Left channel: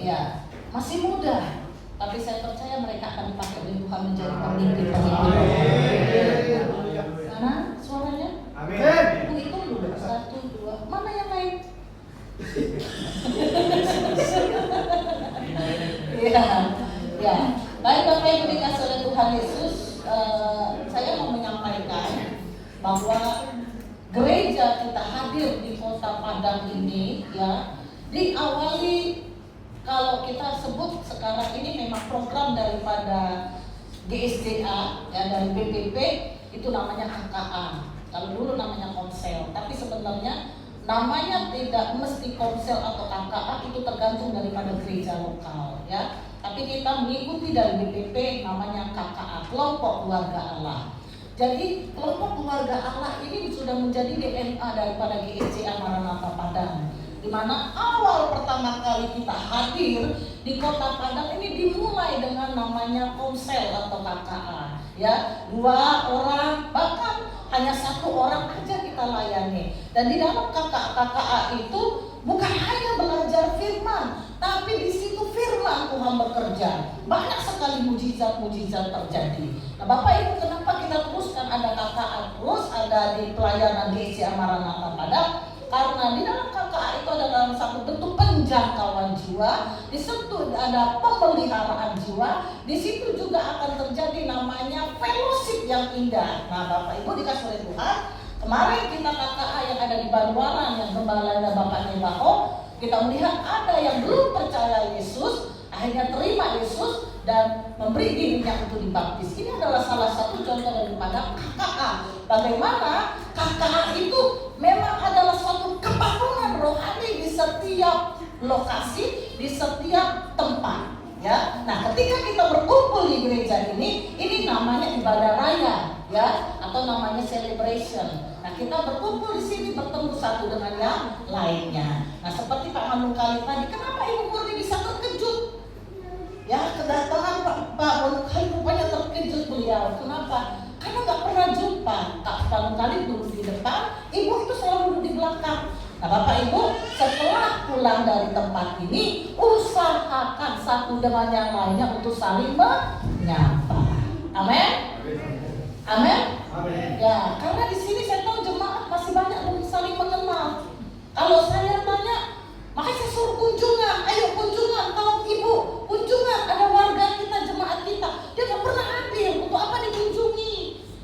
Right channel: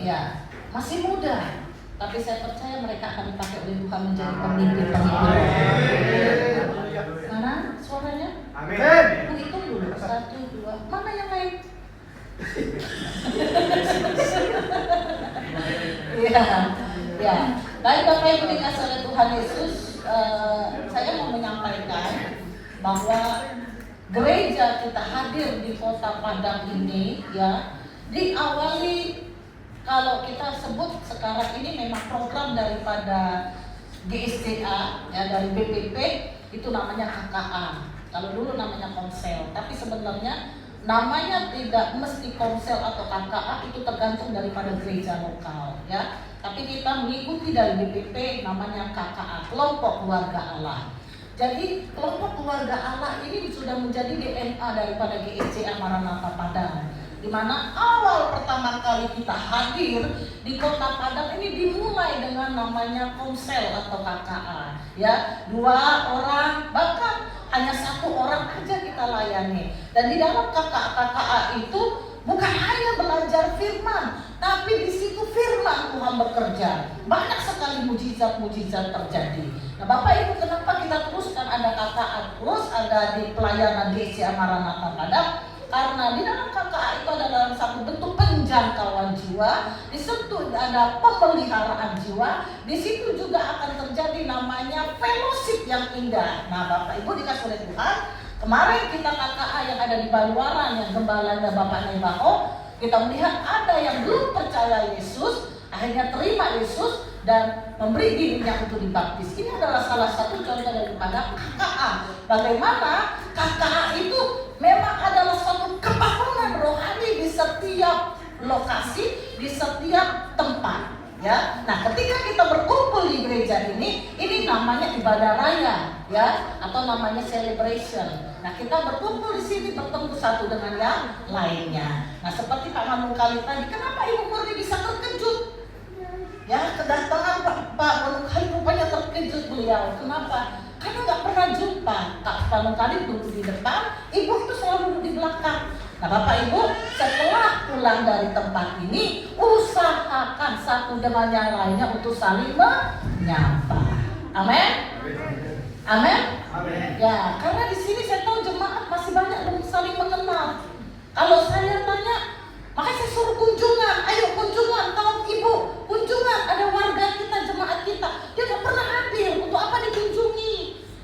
Ya, masih muda, tapi saya percaya mereka akan dipakai oleh Tuhan menjadi pemimpin-pemimpin. Mana suaranya? Amin. Itu dulu, 1, 2, mana yang lain? Iya, ya. Baik Bapak Ibu dikasih oleh Tuhan Yesus, saya mau menyampaikan bahwa gereja kita hadir di Kota Padang ini, ya, diawali kalau kita sebut sekarang ini memang program daripada GSCA, ya, dari BPP itu namanya KKA. Kalau dulu namanya Komsel, tapi sebenarnya namanya tidak mesti Komsel atau KKA, itu tergantung daripada gereja lokal, ya. Tapi kita mengikuti dari BPP namanya KKA, Kelompok Keluarga Allah. Jadi kelompok keluarga Allah ini sudah menjadi DNA daripada GSCA Maranatha Padang, di mana awal pertama kali kita hadir di Kota Padang ini dimulai dengan namanya Komsel atau KKA, ya, 2 orang, bahkan hanya 1 orang aja kita layani. Dan di dalam KKA itu bukan hanya belajar firman, tapi di situ firman Tuhan bekerja. Banyak sekali mujizat-mujizat terjadi. Nah, Bapak Ibu, kenapa kita teruskan ada KKA, terus ada di pelayanan GSCA Maranatha Padang? Karena di dalam KKA itu adalah satu bentuk penjangkauan jiwa, di situ ada pemeliharaan jiwa, di situ juga akan terjadi namanya fellowship yang indah. Nah, Bapak Ibu dikasih oleh Tuhan, kemarin kita KKA yang ada di Baluaran yang gembalanya Bapak Nebaho, kita melihat ada yang belum percaya Yesus, akhirnya terima Yesus dan memberi dirinya untuk dibaptis. Ini adalah salah satu contoh daripada KKA. Bagaimana KKA itu memang adalah suatu kebangunan rohani di setiap lokasi, di setiap tempat, ya. Nah, ketika kita berkumpul di gereja ini namanya ibadah raya, ya, atau namanya celebration. Nah, kita berkumpul di sini bertemu satu dengan yang lainnya. Nah, seperti Pak Manungkali tadi, kenapa Ibu Murni bisa terkejut? Ya, kedatangan Pak Manungkali rupanya terkejut beliau. Kenapa? Karena nggak pernah jumpa. Pak Manungkali duduk di depan, Ibu itu selalu duduk di belakang. Nah, Bapak Ibu, setelah pulang dari tempat ini, usahakan satu dengan yang lainnya untuk saling menyapa. Amin. Amin. Ya, karena di sini saya tahu jemaat masih banyak belum saling mengenal. Kalau saya tanya, makanya saya suruh kunjungan, ayo kunjungan, tahu Ibu, kunjungan, ada warga kita, jemaat kita, dia nggak pernah hadir, untuk apa dikunjungi?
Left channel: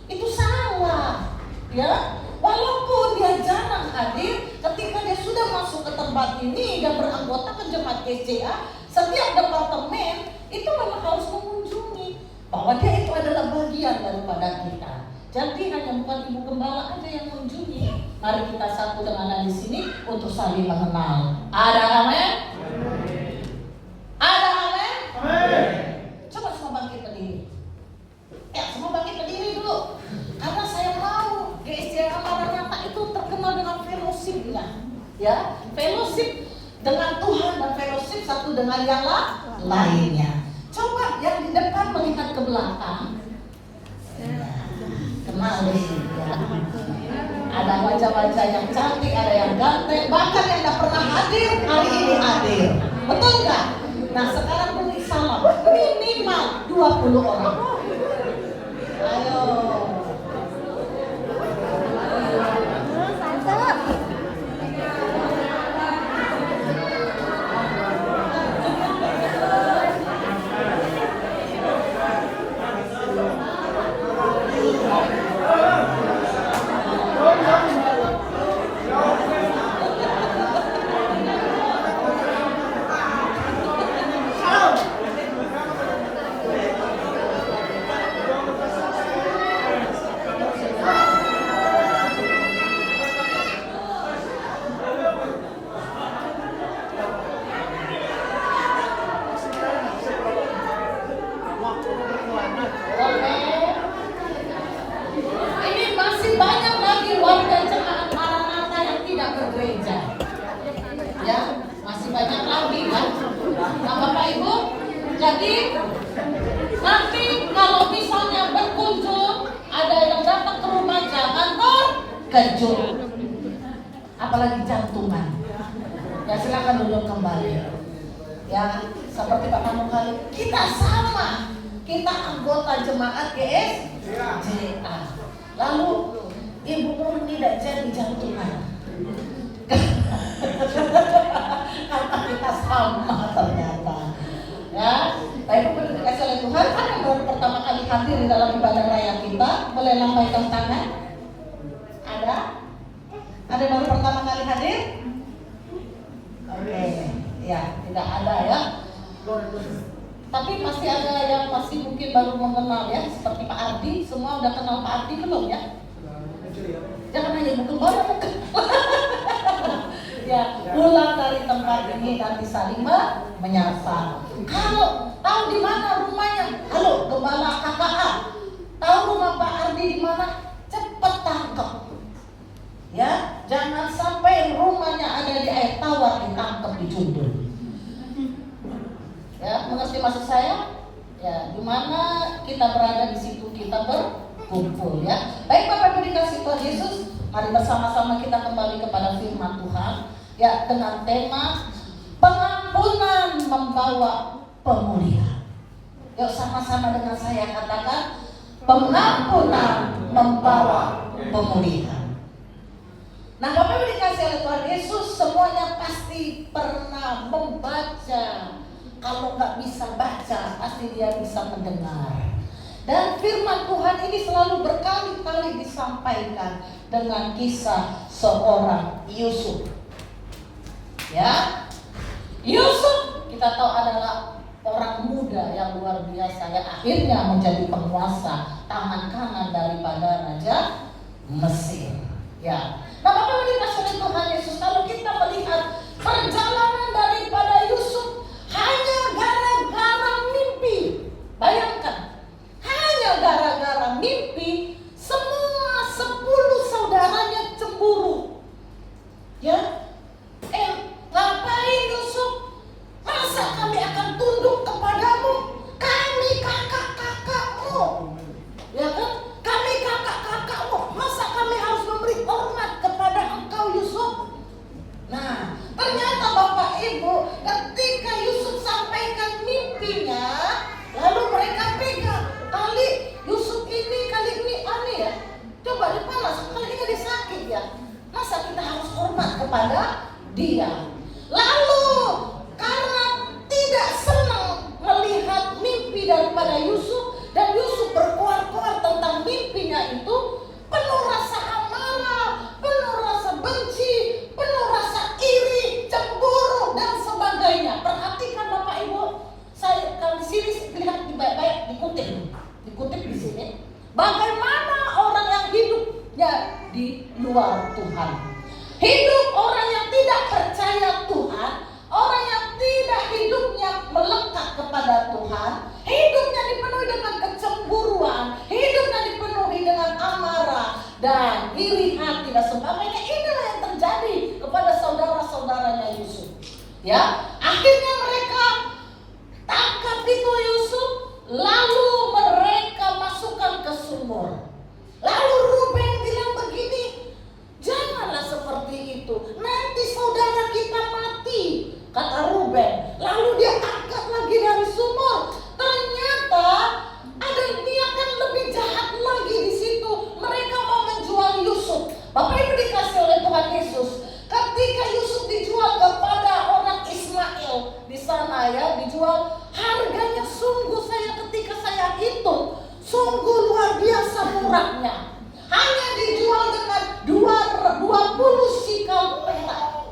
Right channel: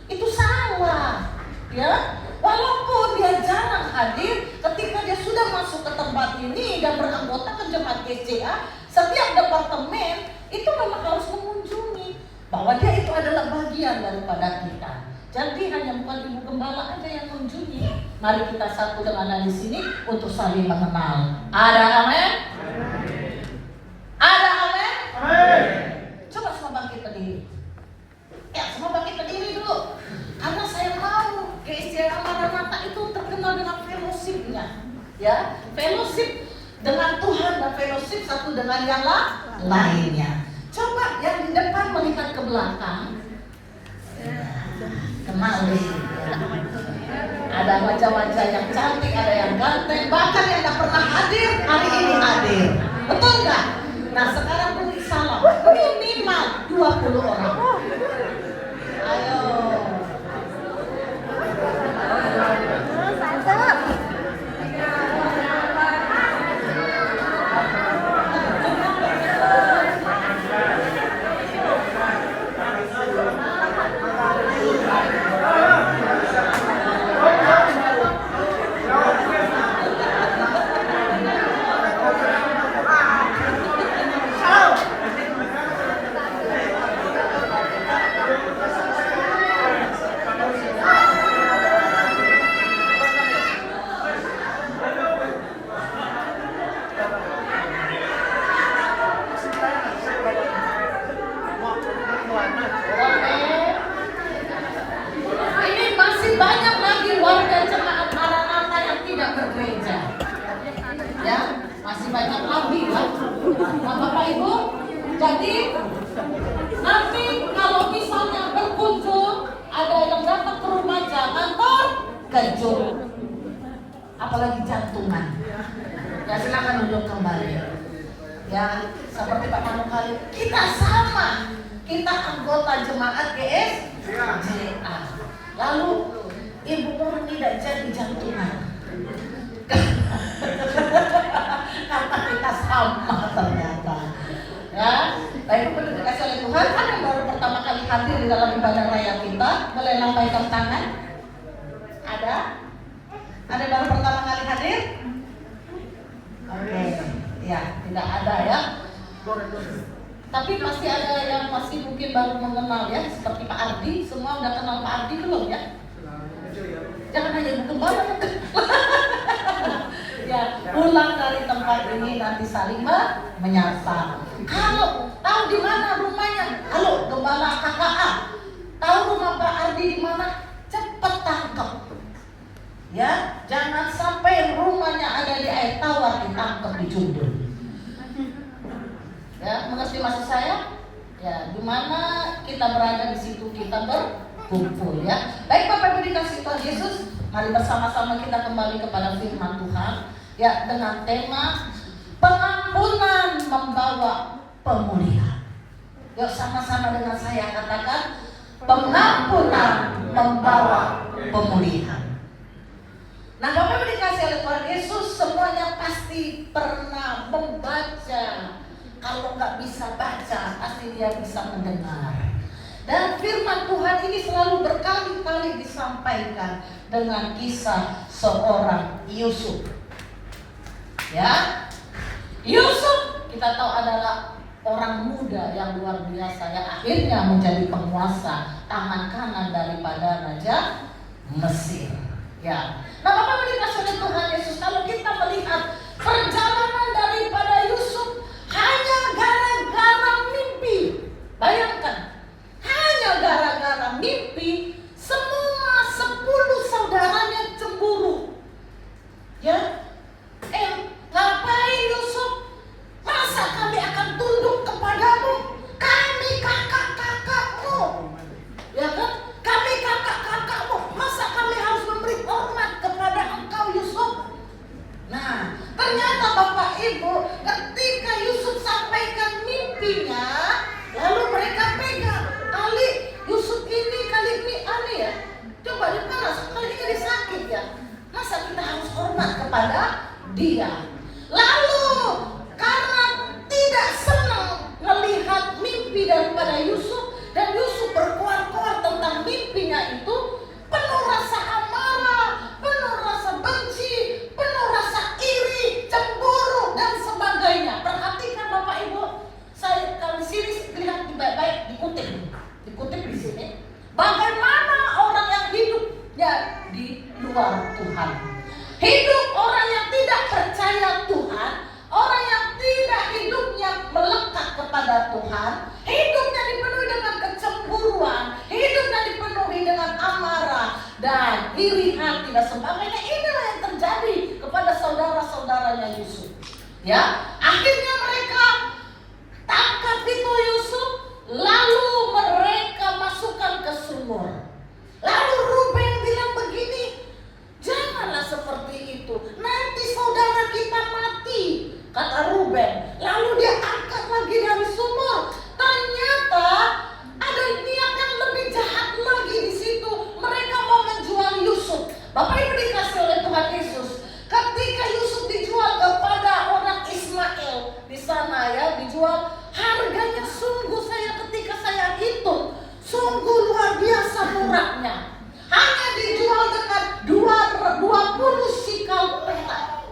Itu salah, ya. Walaupun dia jarang hadir, ketika dia sudah masuk ke tempat ini dan beranggota ke jemaat GSCA, setiap departemen itu memang harus mengunjungi, bahwa dia itu adalah bagian daripada kita. Jadi hanya bukan Ibu Gembala aja yang mengunjungi. Mari kita satu dengan di sini untuk saling mengenal. Ada amin? Ada amin? Coba semua bangkit berdiri. Ya, semua bangkit berdiri dulu. Karena saya mau GSCA Maranatha itu terkenal dengan fellowship-nya. Ya, fellowship dengan Tuhan dan fellowship satu dengan yang lainnya. Coba yang di depan melihat ke belakang. Kenal nih. Ada wajah-wajah yang cantik, ada yang ganteng, bahkan yang gak pernah hadir hari ini hadir. Betul nggak? Nah, sekarang beri salam minimal 20 orang. Ayo. Apalagi jantungan. Ya, silakan duduk kembali. Ya, seperti Pak Manukali, kita sama, kita anggota jemaat GSJA. Lalu Ibu Nur tidak jadi jantungan. Karena kita sama ternyata. Ya, baik pun dikasih oleh Tuhan. Ada yang baru pertama kali hadir di dalam ibadah raya kita, boleh lambaikan tangan. Ada? Ada yang baru pertama kali hadir? Oke, ya tidak ada ya. Tapi pasti ada yang masih mungkin baru mengenal ya, seperti Pak Ardi. Semua udah kenal Pak Ardi belum ya? Jangan hanya butuh banyak. Ya, pulang dari tempat ini nanti saling menyapa. Kalau tahu di mana rumahnya, halo Gembala KKA, tahu rumah Pak Ardi di mana? Cepat tangkap. Ya, jangan sampai rumahnya ada di air tawar ditangkap di Jundul. Ya, mengerti maksud saya? Ya, di mana kita berada di situ kita berkumpul ya. Baik Bapak Ibu dikasih Tuhan Yesus, mari bersama-sama kita kembali kepada firman Tuhan ya, dengan tema pengampunan membawa pemulihan. Yuk sama-sama dengan saya katakan, pengampunan membawa pemulihan. Nah, Bapak Ibu dikasih oleh Tuhan Yesus, semuanya pasti pernah membaca. Kalau nggak bisa baca, pasti dia bisa mendengar. Dan firman Tuhan ini selalu berkali-kali disampaikan dengan kisah seorang Yusuf. Ya, Yusuf kita tahu adalah orang muda yang luar biasa yang akhirnya menjadi penguasa tangan kanan daripada Raja Mesir. Ya, nah Bapak Ibu dikasih oleh Tuhan Yesus, kalau kita melihat perjalanan daripada Yusuf hanya gara-gara mimpi. Bayangkan, hanya gara-gara mimpi semua 10 saudaranya cemburu. Ya, ngapain Yusuf? Masa kami akan tunduk kepadamu? Kami kakak-kakakmu. Ya kan? Kami kakak-kakakmu. Masa kami harus memberi hormat kepada engkau Yusuf? Nah, ternyata Bapak Ibu, ketika Yusuf sampaikan mimpinya, lalu mereka pegang kali Yusuf ini, kali ini aneh ya. Coba dipanas, kali ini dia sakit ya. Masa kita harus hormat kepada dia? Lalu karena tidak senang melihat mimpi daripada Yusuf, dan Yusuf berkoar-koar tentang mimpinya itu, penuh rasa amarah, penuh rasa benci, penuh rasa iri, cemburu dan sebagainya. Perhatikan Bapak Ibu, saya kalau sini lihat baik-baik, dikutip di sini. Bagaimana orang yang hidupnya di luar Tuhan, hidup orang yang tidak percaya Tuhan, orang yang tidak hidupnya melekat kepada Tuhan, hidupnya dipenuhi dengan kecemburuan, hidupnya dipenuhi dengan amarah dan iri hati dan sebagainya. Inilah yang terjadi kepada saudara-saudaranya Yusuf. Ya, akhirnya mereka tangkap itu Yusuf, lalu mereka masukkan ke sumur. Lalu Ruben bilang begini, janganlah seperti itu, nanti saudara kita mati, kata Ruben. Lalu dia angkat lagi dari sumur. Ternyata ada niat yang lebih jahat lagi di situ. Mereka mau menjual Yusuf. Bapak Ibu dikasih oleh Tuhan Yesus, ketika Yusuf dijual kepada orang Ismail di sana ya, dijual, harganya sungguh ketika saya hitung, sungguh luar biasa murahnya. Hanya dijual dengan 20 sikal perak.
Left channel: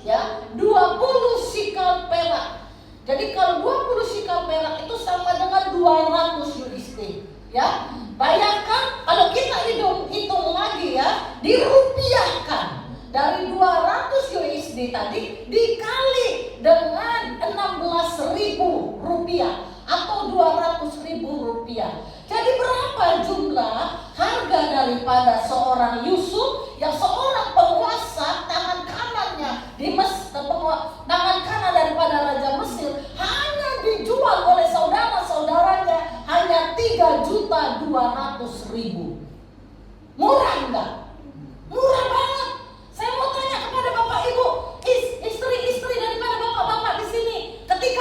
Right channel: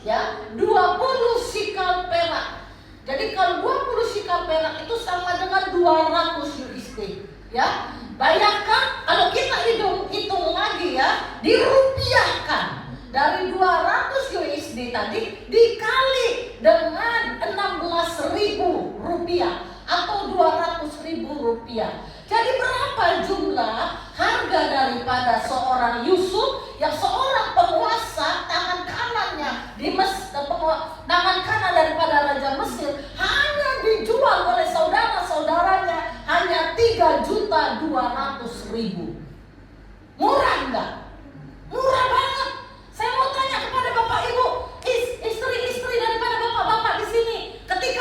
Ya, 20 sikal perak. Jadi kalau 20 sikal perak itu sama dengan 200 USD. Ya, bayangkan kalau kita hitung lagi ya, dirupiahkan. Dari 200 USD tadi dikali dengan 16.000 rupiah atau 200.000 rupiah. Jadi berapa jumlah harga daripada seorang Yusuf yang seorang penguasa tangan kanannya di tangan kanan daripada Raja Mesir, hanya dijual oleh saudara-saudaranya hanya 3.200.000. Murah enggak? Murah banget. Saya mau tanya kepada Bapak Ibu, istri-istri daripada bapak-bapak di sini, ketika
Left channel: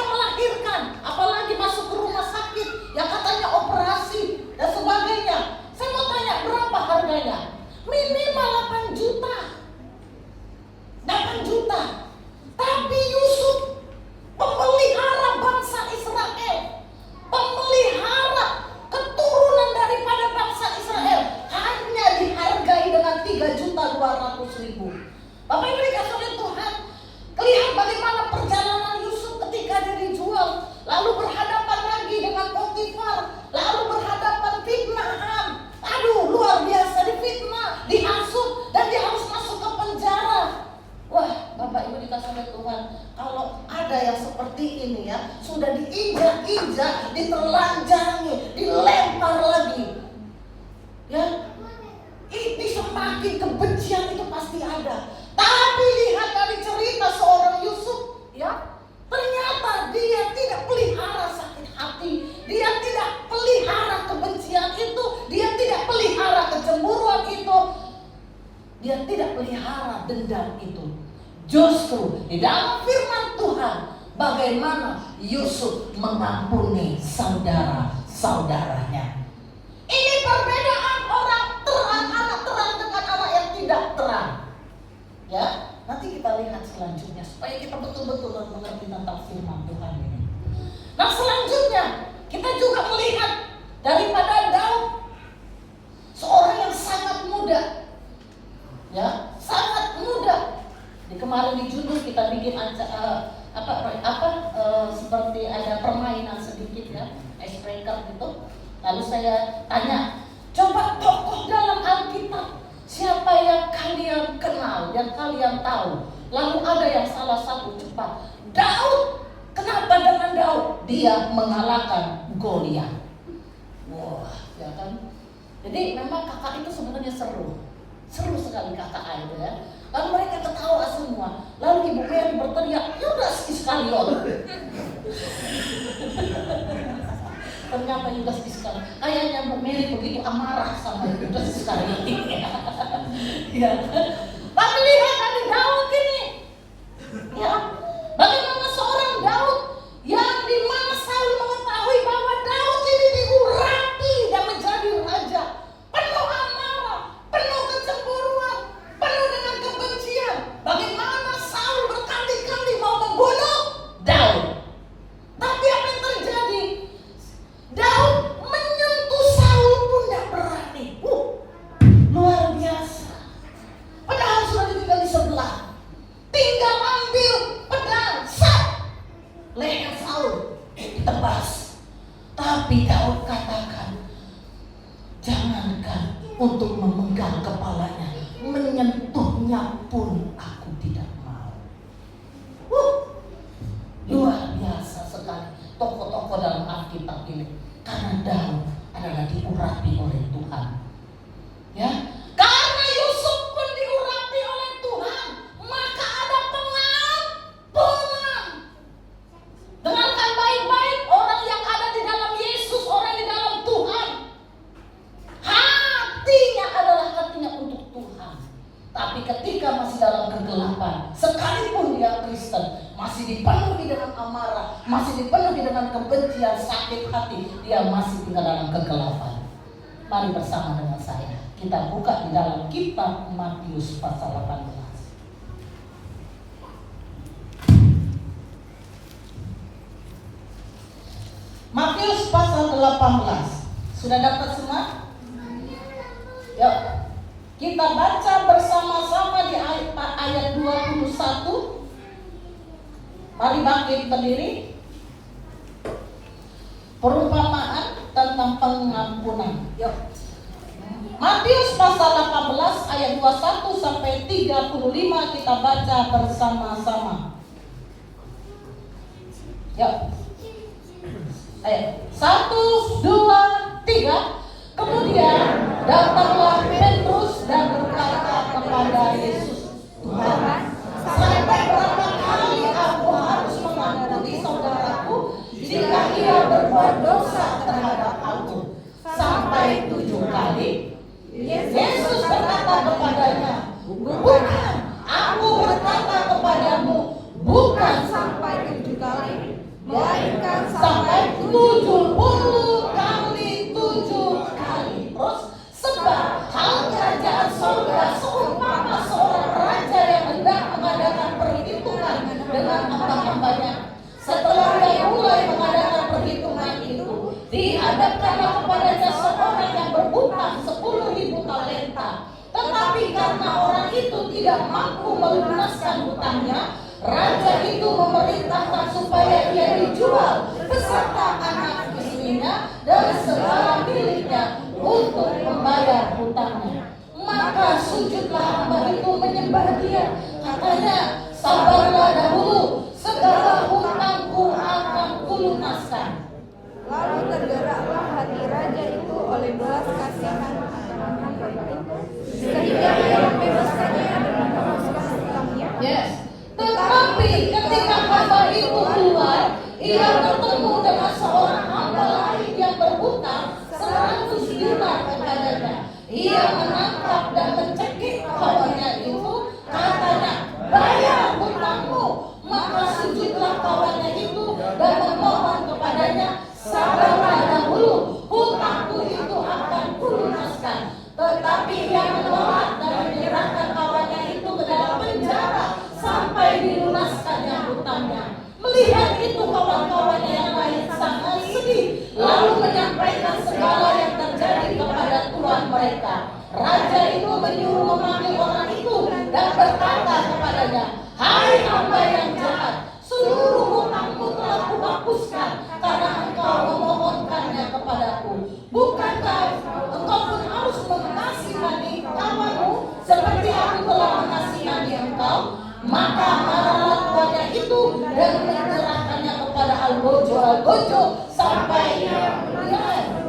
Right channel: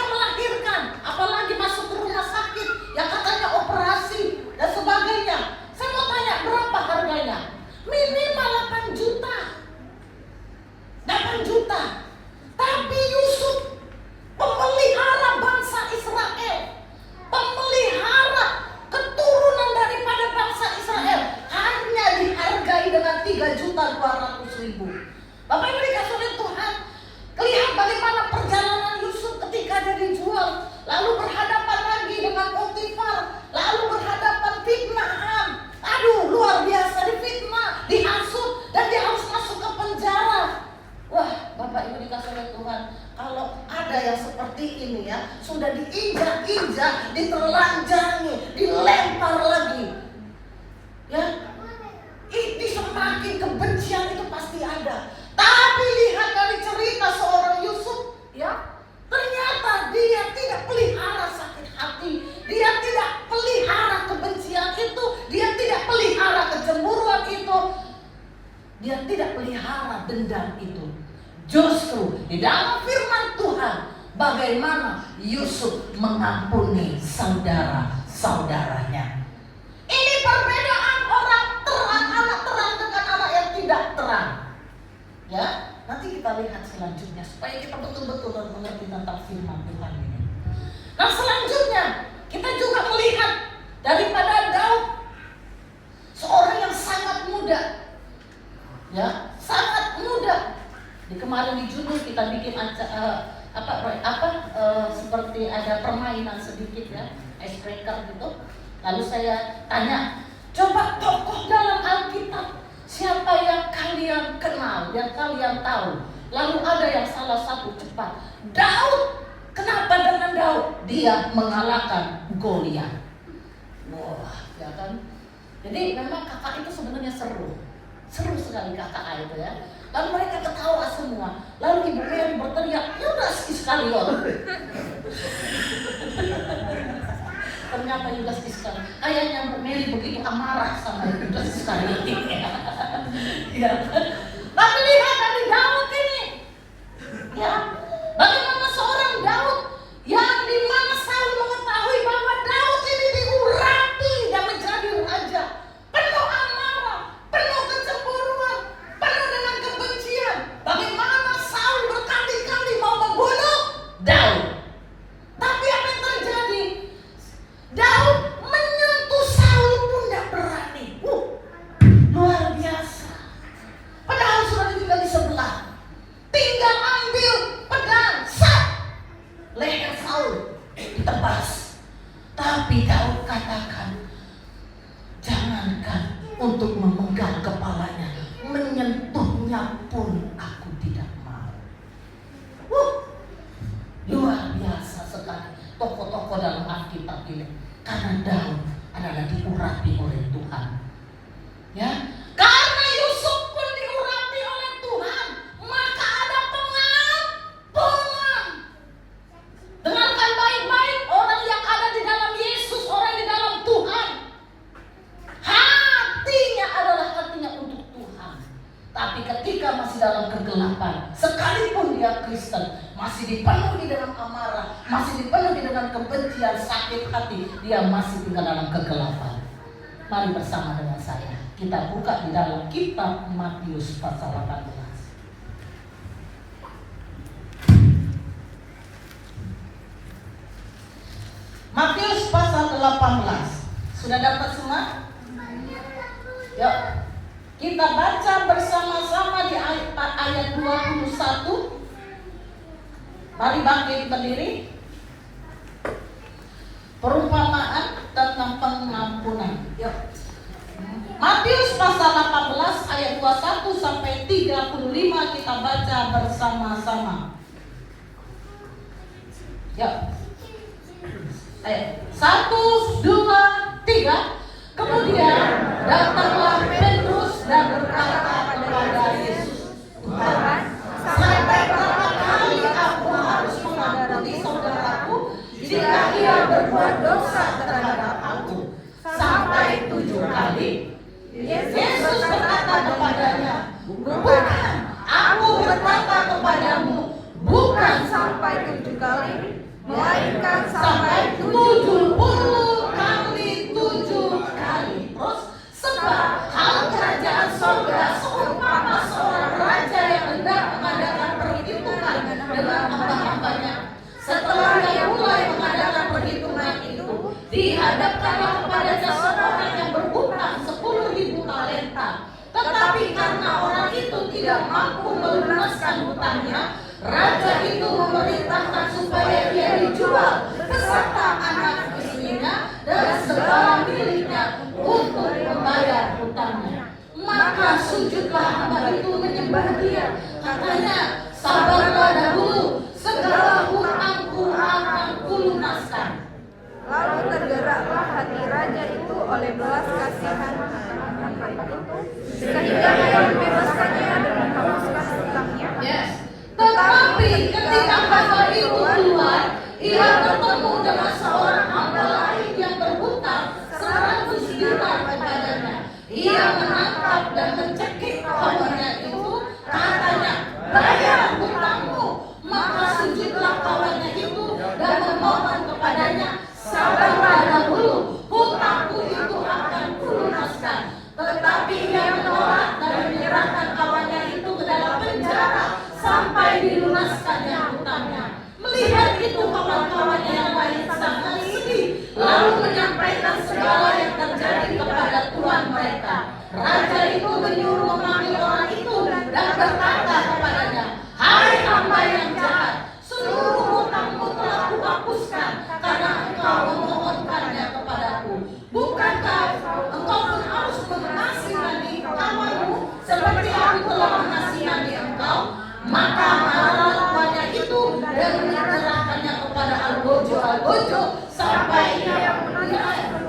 yang seperti ini ya, sudah diinjak-injak, ditelanjangi, dilempar lagi. Ya, ini semakin kebencian itu pasti ada. Tapi lihat dari cerita seorang Yusuf, ya, ternyata dia tidak pelihara sakit hati, dia tidak pelihara kebencian itu, dia tidak pelihara kecemburuan itu, dia tidak pelihara dendam itu. Justru di dalam firman Tuhan, bagaimana Yusuf mengampuni saudara-saudaranya. Ini perbedaan orang terang, anak terang dengan anak yang tidak terang. Ya, nanti kita lihat selanjutnya supaya kita betul-betul mengerti tentang firman Tuhan ini. Nah, selanjutnya kita juga melihat daripada Daud, seorang yang sangat muda. Ya, sangat muda. Di kemarin di judul kita bikin seperti ada permainan sedikit ya, icebreaker gitu. Lalu saya tanya, coba tokoh dalam Alkitab siapa yang kalian kenal, yang kalian tahu. Lalu ada yang salah satu cepat, Daud. Kenapa dengan Daud? Dia mengalahkan Goliat. Wah, ya kan? Jadi memang kakak itu sebenarnya seru sekali kakak itu ya. Lalu mereka ketawa semua. Lalu Ibu Mary berteriak, Yudas Iskariot. Ternyata Yudas Iskariot. Kayaknya Bu Mary begitu amarah sama Yudas Iskariot ini. Ya. Tapi lihat dari Daud ini. Ya. Bagaimana seorang Daud yang dimana Saul mengetahui bahwa Daud ini diurapi dan menjadi raja. Penuh amarah, penuh kecemburuan, penuh dengan kebencian. Bagaimana Saul berkali-kali mau membunuh Daud. Tapi apa yang terjadi? Daud menyentuh Saul pun tidak berani. Luar biasa. Padahal sudah tinggal di sebelah. Tinggal ambil pedang, leher Saul ditebas. Tapi Daud katakan, jangankan untuk memegang kepalanya, menyentuhnya pun aku tidak mau. Luar biasa sekali tokoh-tokoh dalam Alkitab ini. Karena Daud adalah diurapi oleh Tuhan. Ya, karena Yusuf pun diurapi oleh Tuhan, maka ada pengampunan. Dengarkan baik-baik, orang yang ada di dalam Yesus, orang di dalam Tuhan, hatinya adalah hatinya untuk Tuhan. Tapi ketika masih dalam kegelapan, sekalipun dia Kristen, masih dipenuhi dengan amarah, masih dipenuhi dengan kebencian, sakit hati, dia masih tinggal dalam kegelapan. Mari bersama dengan saya, kita buka di dalam kitab Matius pasal 18. Matius pasal 18. Sudah dapat semua? Yuk, kita baca bersama-sama di ayat 21. Mari bangkit berdiri. Perumpamaan tentang pengampunan. Yuk. Matius pasal 18 ayat 21 sampai 35 kita baca bersama-sama. Yuk. Ayo. 1, 2, 3. Kemudian datanglah Petrus dan berkata kepada Yesus, Tuhan, sampai berapa kali aku harus mengampuni saudaraku jika ia berbuat dosa terhadap aku? Sampai 7 kali? Yesus berkata kepadanya, bukan, aku berkata kepadamu, bukan sampai 7 kali, melainkan sampai 70 kali 7 kali. Terus, sebab hal kerajaan surga seumpama seorang raja yang hendak mengadakan perhitungan dengan hamba-hambanya. Setelah dia mulai mengadakan perhitungan itu, dihadapkanlah kepadanya seorang yang berhutang 10.000 talenta. Tetapi karena orang itu tidak mampu melunaskan hutangnya, raja itu memerintahkan supaya ia dijual beserta anak istrinya dan segala miliknya untuk membayar hutangnya. Maka sujudlah hamba itu menyembah dia. Katanya, sabarlah dahulu, segala hutang Ia bertemu dengan seorang hamba lain yang berhutang 100 dinar kepadanya. Ia menangkap dan mencekik kawannya itu, katanya, bayar hutangmu. Maka sujudlah kawannya itu dan memohon kepadanya, sabarlah dahulu, hutangku itu akan kulunaskan. Tetapi ia menolak dan menyerahkan kawannya itu ke dalam penjara sampai dilunaskannya hutangnya. Melihat itu kawan-kawannya yang lain sangat sedih, lalu menyampaikan segala yang terjadi kepada tuan mereka. Raja itu menyuruh memanggil orang itu dan berkata kepadanya, hai hamba yang jahat, seluruh hutangmu telah kuhapuskan karena engkau memohonkannya kepadaku. Bukankah engkau pun harus mengasihani kawanmu seperti aku telah mengasihani engkau? Maka marah tuannya itu dan menyerahkannya kepada Algojo sampai ia meninggal.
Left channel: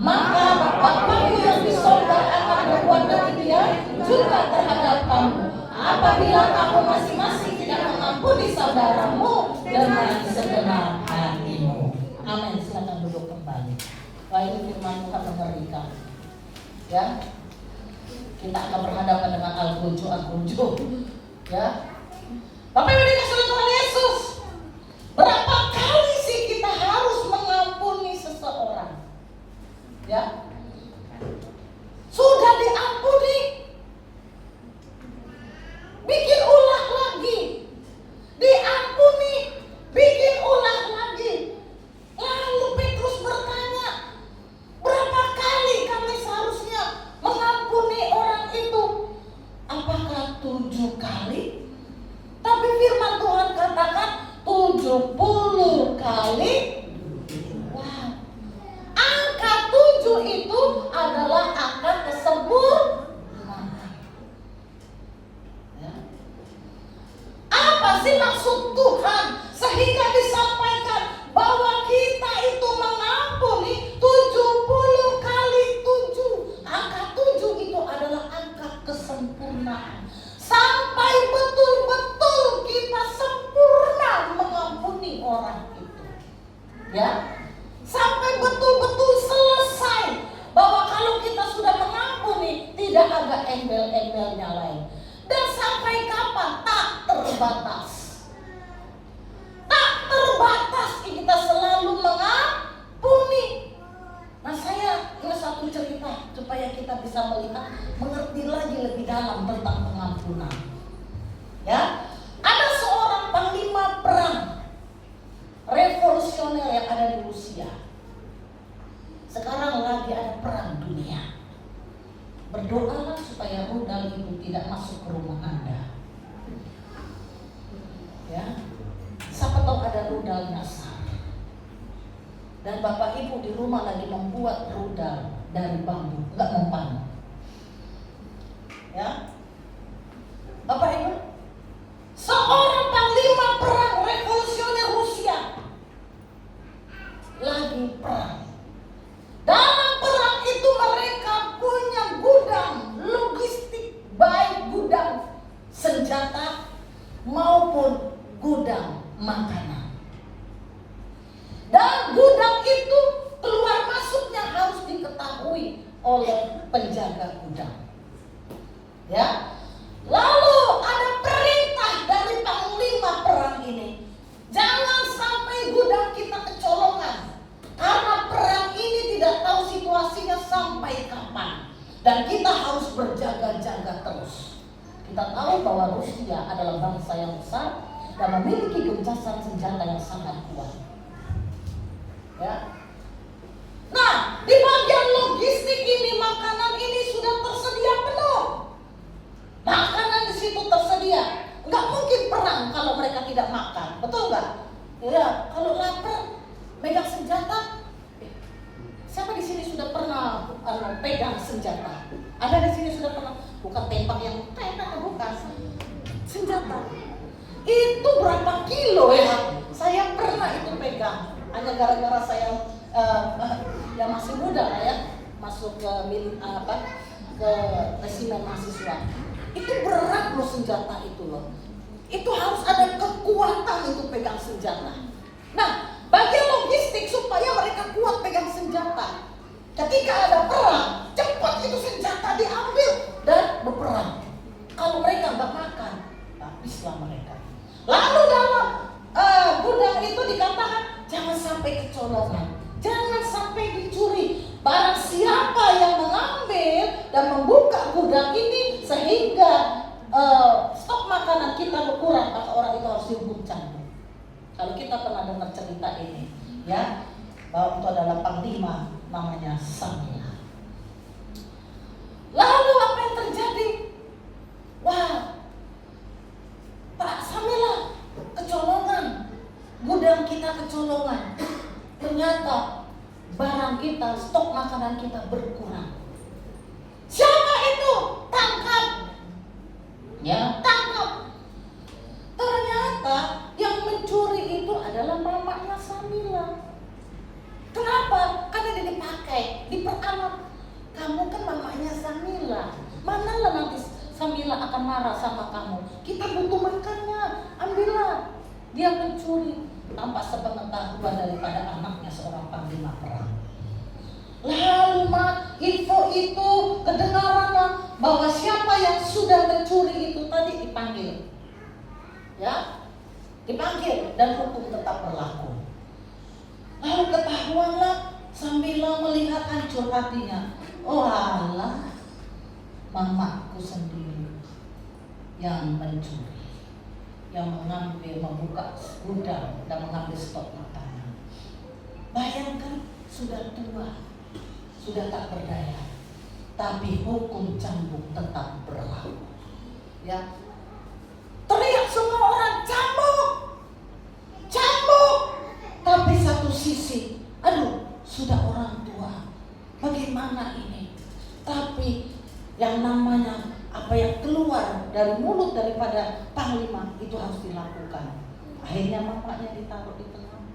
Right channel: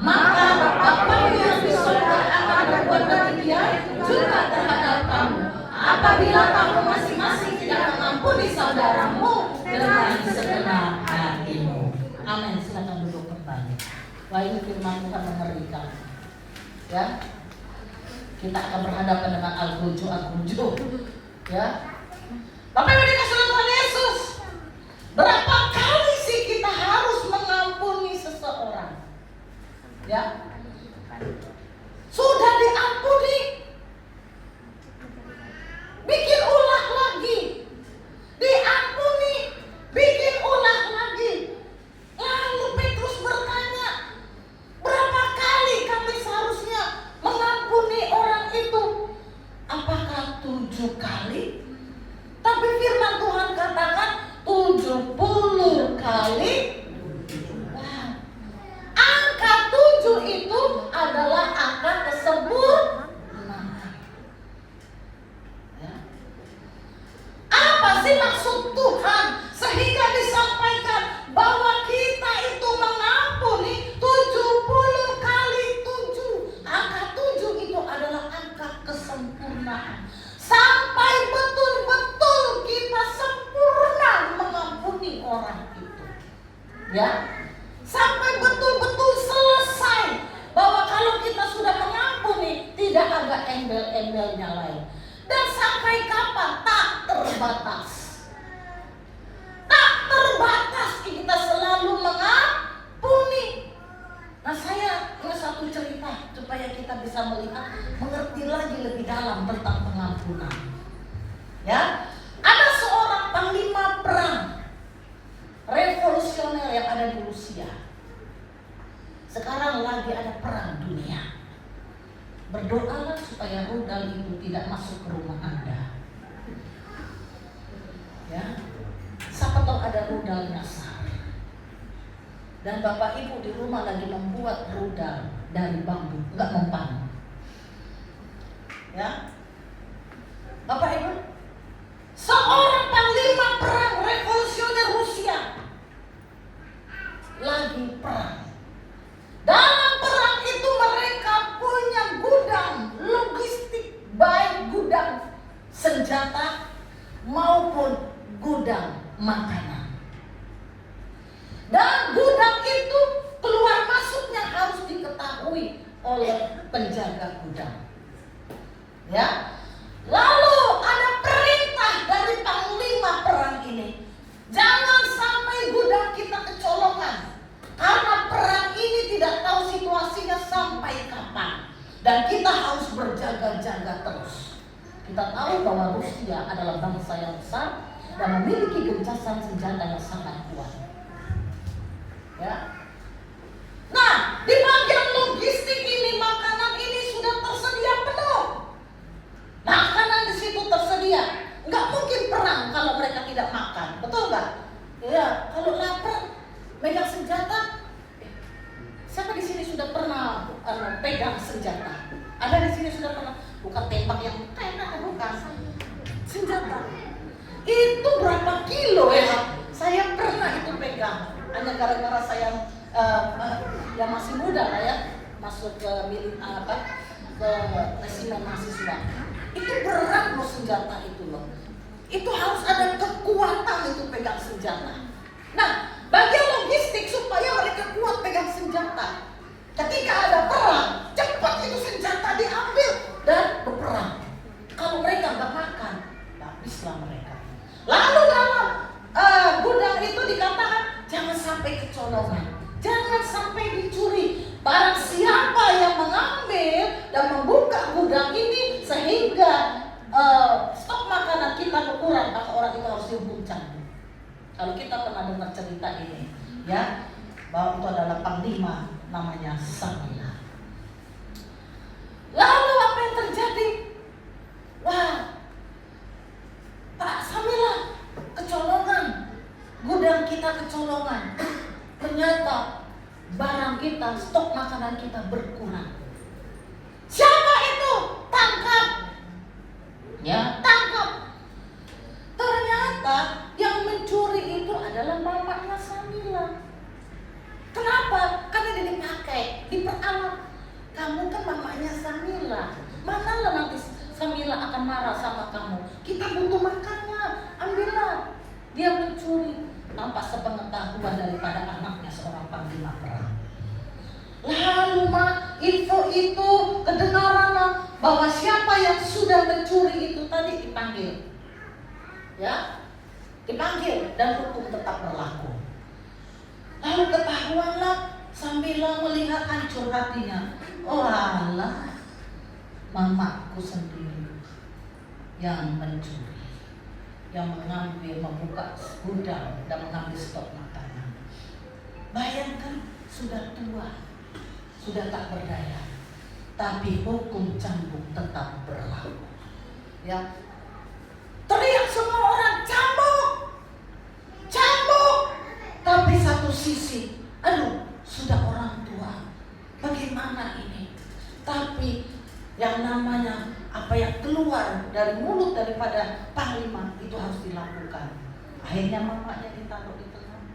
Maka Bapakmu yang di sorga akan berbuat demikian juga terhadap kamu, apabila kamu masing-masing tidak mengampuni saudaramu dengan segenap hatimu. Amin. Silakan duduk kembali. Wah, ini firman Tuhan mengerikan. Ya, kita akan berhadapan dengan Algojo. Ya, Bapak Ibu dikasih oleh Tuhan Yesus, berapa kali sih kita harus mengampuni seseorang? Ya, sudah diampuni, bikin ulah lagi, diampuni, bikin ulah lagi. Lalu Petrus bertanya, berapa kali kami seharusnya mengampuni orang itu? Apakah 7 kali? Tapi firman Tuhan katakan 70 kali. Wah. Angka 7 itu adalah angka kesempurnaan. Ya. Apa sih maksud Tuhan sehingga disampaikan bahwa kita itu mengampuni 70 kali 7. Angka 7 itu adalah angka kesempurnaan. Sampai betul-betul kita sempurna mengampuni orang itu. Ya. Sampai betul-betul selesai, bahwa kalau kita sudah mengampuni tidak ada embel-embelnya lain. Dan sampai kapan? Tak terbatas. Tak terbatas kita selalu mengampuni. Nah, saya ini satu cerita supaya kita bisa melihat, mengerti lagi lebih dalam tentang pengampunan. Ya, ada seorang panglima perang revolusioner yang ada di Rusia. Sekarang lagi ada perang dunia. Berdoalah supaya rudal itu tidak masuk ke rumah Anda. Ya, siapa tahu ada rudal nyasar. Dan Bapak Ibu di rumah lagi membuat rudal dari bambu, enggak mempan. Ya, Bapak Ibu, seorang panglima perang revolusioner Rusia lagi perang. Dalam perang itu mereka punya gudang logistik, baik gudang senjata maupun gudang makanan. Dan gudang itu keluar masuknya harus diketahui oleh penjaga gudang. Ya. Lalu ada perintah dari panglima perang ini, jangan sampai gudang kita kecolongan, karena perang ini tidak tahu situasinya sampai kapan, dan kita harus berjaga-jaga terus. Kita tahu bahwa Rusia adalah bangsa yang besar dan memiliki gencatan senjata yang sangat kuat. Ya. Nah, di bagian logistik ini, makanan ini sudah tersedia penuh. Makanan di situ tersedia. Nggak mungkin perang kalau mereka tidak makan, betul nggak? Ya, kalau lapar, megang senjata. Siapa di sini sudah pernah pegang senjata? Ada di sini sudah pernah bukan tembak yang enak, bukan senjata. Itu berapa kilo ya? Saya pernah itu pegang. Hanya gara-gara saya yang masih muda lah ya, masuk ke ke resimen mahasiswa. Itu berat loh senjata itu loh. Itu harus ada kekuatan untuk pegang senjata. ketika ada perang, cepat itu senjata diambil dan berperang. Kalau mereka nggak makan, habislah mereka. Lalu dalam gudang itu dikatakan jangan sampai kecolongan, jangan sampai dicuri. Barang siapa yang mengambil dan membuka gudang ini sehingga stok makanan kita berkurang, maka orang itu harus dihukum cambuk. Kalau kita pernah dengar cerita ini, ya, bahwa itu adalah panglima namanya Samila. Lalu apa yang terjadi? Wah, Pak Samila, kecolongan, gudang kita kecolongan. Ternyata barang kita, stok makanan kita berkurang. Siapa itu? Tangkap. Ya, tangkap. Ternyata yang mencuri itu adalah mamanya Samila. Kenapa? Karena dia dipakai, diperalat. Kamu kan mamanya Samila. Manalah nanti Samila akan marah sama kamu. Kita butuh makannya, ambillah. Dia mencuri tanpa sepengetahuan daripada anaknya seorang panglima perang. Lalu info itu kedengaran bahwa siapa yang sudah mencuri itu tadi dipanggil, ya, dipanggil dan hukum tetap berlaku. Lalu ketahuanlah Samila melihat hancur hatinya. Oh alah, mamaku sendiri yang mencuri, yang mengambil, membuka gudang dan mengambil stok makanan. Bayangkan, sudah tua, sudah tak berdaya, tapi hukum cambuk tetap berlaku. Ya, teriak semua orang, cambuk, cambuk. Tapi satu sisi, aduh, sudah orang tua, bagaimana ini? Tapi yang namanya apa yang keluar dari mulut daripada panglima itu harus dilakukan. Akhirnya mamanya ditaruh di tengah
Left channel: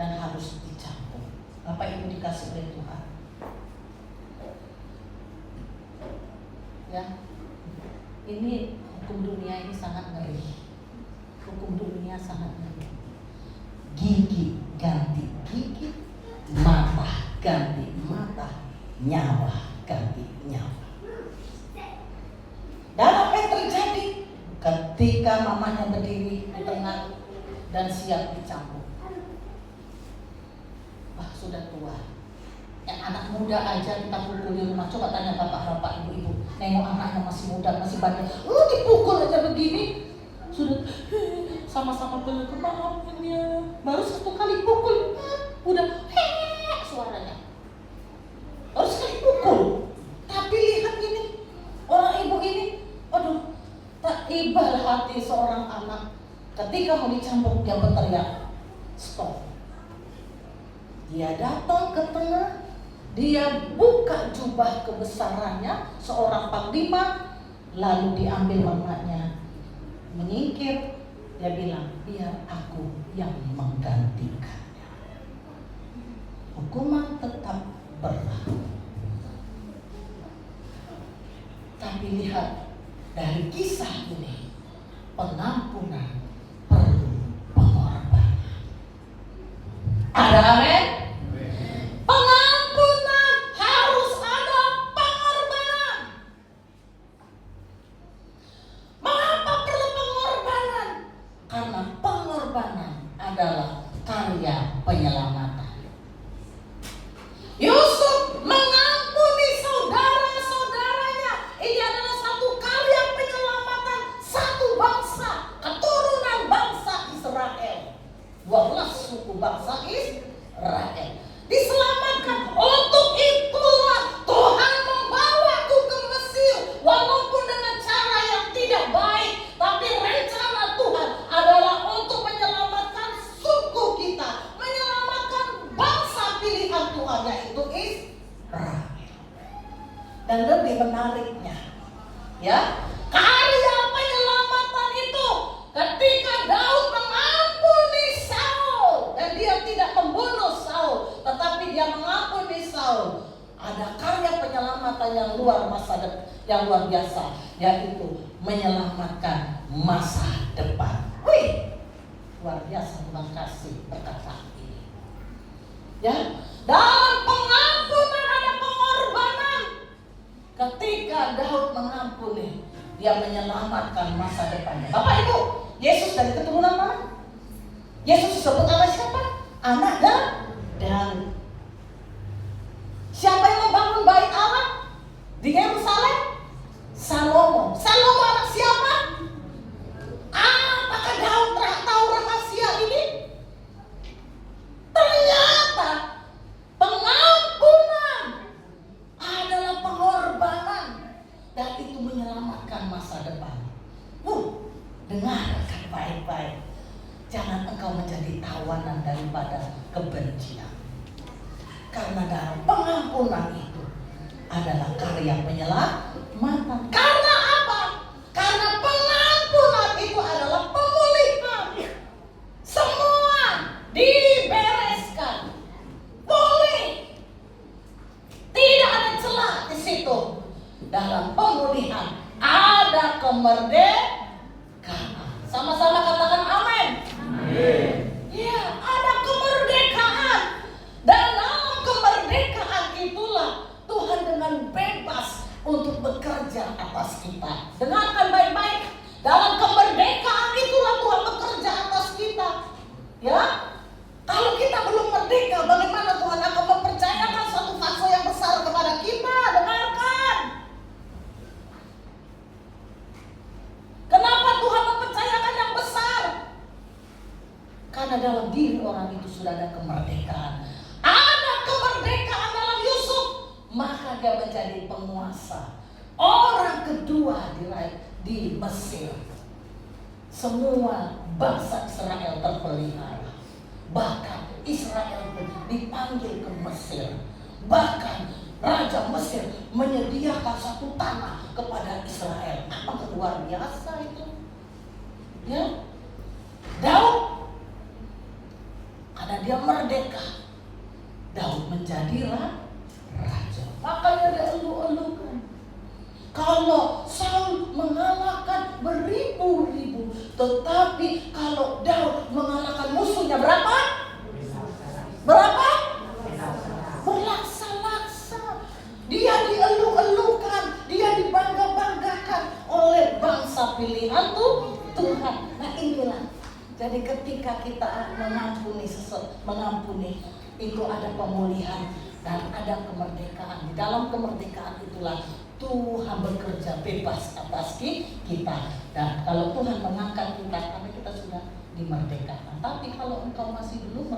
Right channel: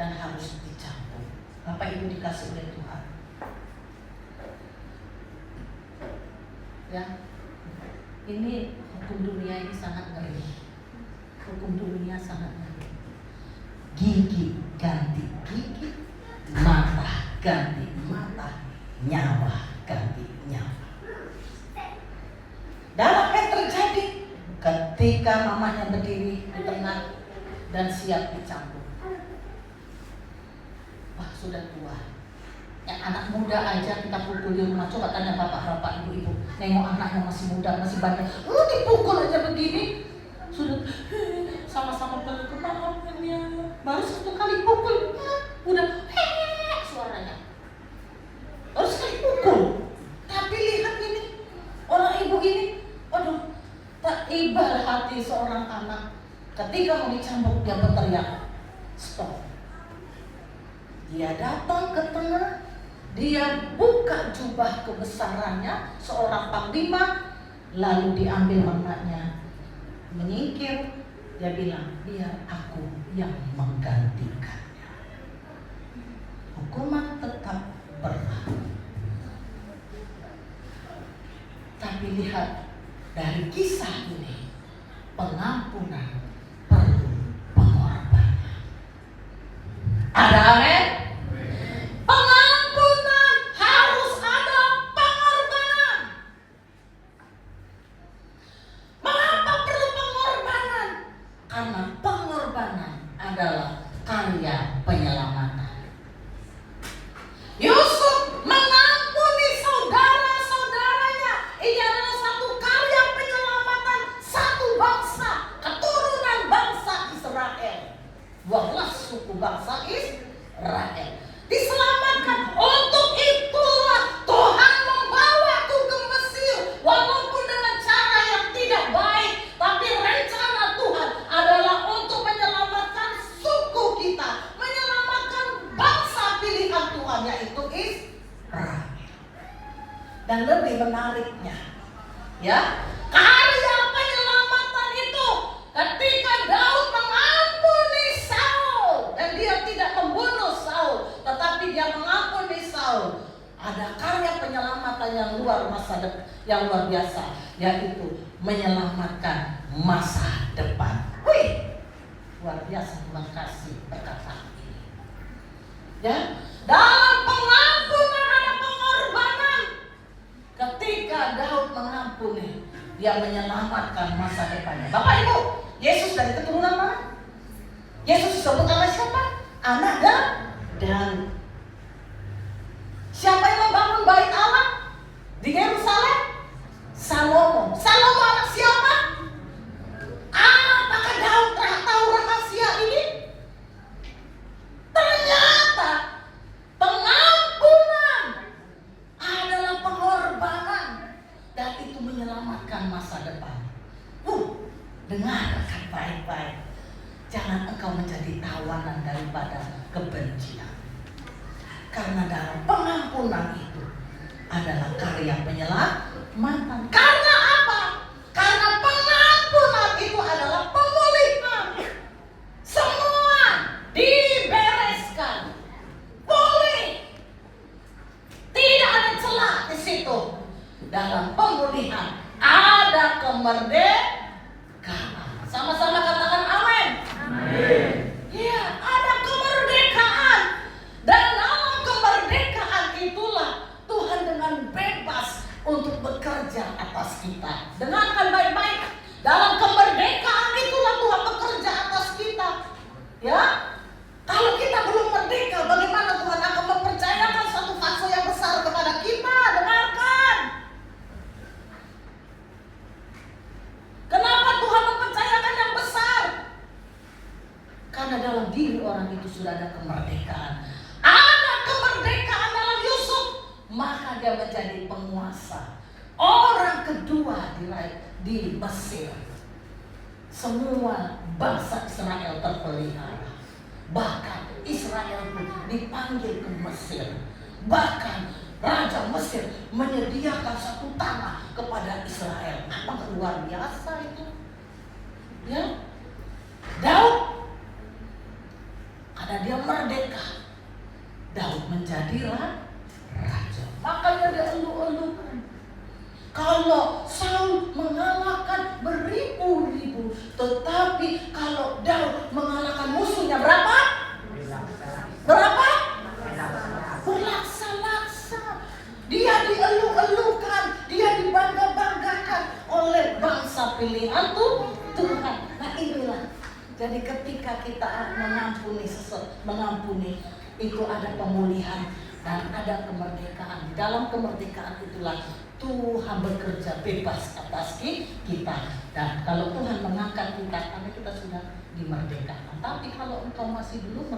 dan harus dicambuk. Apa itu dikasih oleh Tuhan? Ya, ini hukum dunia ini sangat ngeri. Hukum dunia sangat ngeri. Gigi ganti gigi, mata ganti mata, nyawa ganti nyawa. Dan apa yang terjadi ketika mamanya berdiri di tengah dan siap dicambuk? Wah, sudah tua. Yang anak muda aja kita pukul di rumah. Coba tanya bapak-bapak, ibu-ibu, nengok anaknya masih muda, masih banyak, lu dipukul aja begini. Sudah sama-sama peluk, maafkan dia. Baru satu kali pukul, udah suaranya. Baru sekali pukul. Tapi lihat ini, orang ibu ini, aduh, tak iba hati seorang anak. Ketika mau dicambuk dia berteriak, stop. Dia datang ke tengah, dia buka jubah kebesarannya seorang panglima, lalu diambil anaknya, menyingkir. Dia bilang, biar aku yang menggantikannya. Hukuman tetap berlaku. Tapi lihat dari kisah ini, pengampunan perlu pengorbanan. Ada amin? Pengampunan harus ada pengorbanan. Mengapa perlu pengorbanan? Karena pengorbanan adalah karya penyelamatan. Yusuf mengampuni saudara-saudaranya. Ini adalah satu karya penyelamatan satu bangsa, keturunan bangsa Israel. 12 suku bangsa Israel diselamatkan. Untuk itulah Tuhan membawaku ke Mesir, walaupun dengan cara yang tidak baik, tapi rencana Tuhan adalah untuk menyelamatkan suku kita, menyelamatkan bangsa pilihan Tuhan, yaitu Israel. Dan lebih menariknya, ya, karya penyelamatan itu ketika Daud mengampuni Saul, dan dia tidak membunuh Saul, tetapi dia mengampuni Saul. Ada karya penyelamatan yang luar biasa, yaitu menyelamatkan masa depan. Wih, luar biasa. Terima kasih perkataan ini. Ya, dalam pengampunan ada dia menyelamatkan masa depannya. Bapak Ibu, Yesus dari keturunan mana? Yesus disebut sama siapa? Anak dan siapa yang membangun bait Allah di Yerusalem? Salomo. Salomo anak siapa? Apakah Daud tahu rahasia ini? Ternyata pengampunan adalah pengorbanan dan itu menyelamatkan masa depan. Dengarkan baik-baik. Jangan engkau menjadi tawanan daripada kebencian. Karena dalam pengampunan itu adalah karya penyelamatan. Karena apa? Karena pengampunan itu adalah pemulihan. Semua dibereskan. Pulih. Tidak ada celah di situ. Dalam pemulihan ada kemerdekaan. Sama-sama katakan amin. Amin. Ya, ada kemerdekaan. Dan dalam kemerdekaan itulah Tuhan dengan bebas untuk bekerja atas kita. Dengarkan baik-baik. Dalam kemerdekaan itulah Tuhan bekerja atas kita. Ya, kalau kita belum merdeka, bagaimana Tuhan akan mempercayakan satu fase yang besar kepada kita? Dengarkan. Kenapa Tuhan mempercayakan yang besar? Karena dalam diri orang itu sudah ada kemerdekaan. Ada kemerdekaan dalam Yusuf, maka dia menjadi penguasa. Orang kedua di Mesir. Semua bangsa Israel terpelihara. Bahkan Israel dipanggil ke Mesir. Bahkan Raja Mesir menyediakan satu tanah kepada Israel. Apa luar biasa itu? Ya, Daud, karena dia merdeka, Daud menjadi raja. Makanya dia elu-elukan. Kalau Saul mengalahkan beribu-ribu, tetapi kalau Daud mengalahkan musuhnya berapa? Berapa? Berlaksa-laksa. Dia dielu-elukan, dia dibangga-banggakan oleh bangsa pilihan Tuhan. Nah inilah. Jadi ketika kita mengampuni itu ada pemulihan dan ada kemerdekaan. Di dalam kemerdekaan itulah Tuhan bekerja bebas atas kita. Dan kalau Tuhan mengangkat kita, karena kita sudah dimerdekakan. Tapi kalau engkau masih belum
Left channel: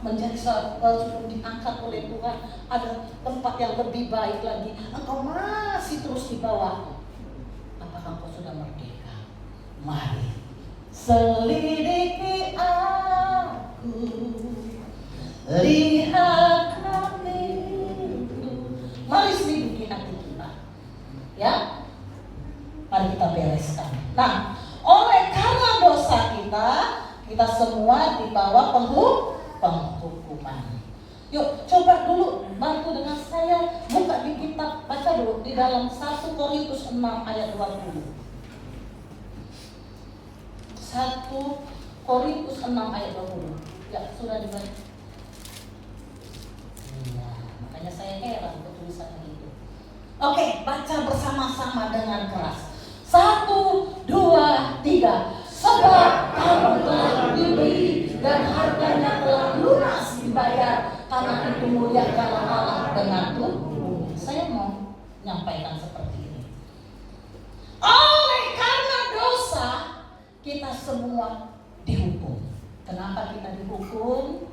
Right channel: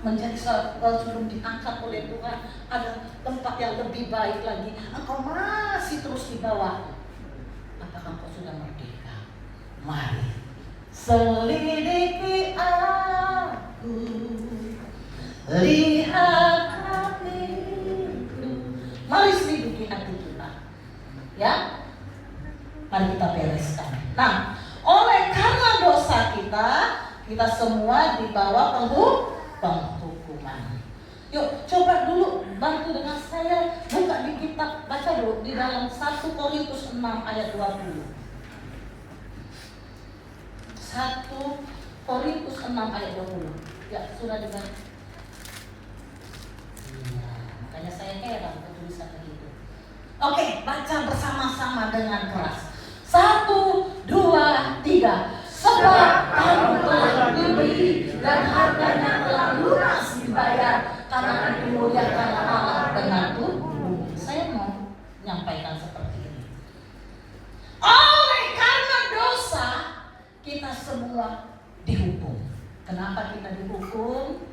menjadi belum diangkat oleh Tuhan, ada tempat yang lebih baik lagi, engkau masih terus di bawah. Apakah engkau sudah merdeka? Mari selidiki aku, lihat hatiku. Mari selidiki hati kita, ya. Mari kita bereskan. Nah, oleh karena dosa kita semua dibawa penghukuman. Yuk, coba dulu bantu dengan saya buka di kitab, baca dulu di dalam 1 Korintus 6 ayat 20. 1 Korintus 6 ayat 20. Ya, sudah dibaca. Ya, makanya saya heran tulisannya itu. Oke, baca bersama-sama dengan keras. 1, 2, 3. Sebab kamu telah dibeli dan harganya telah lunas dibayar, karena dimuliakan Allah dengan tubuh. Saya mau menyampaikan seperti ini. Oleh karena dosa, kita semua dihukum. Kenapa kita dihukum?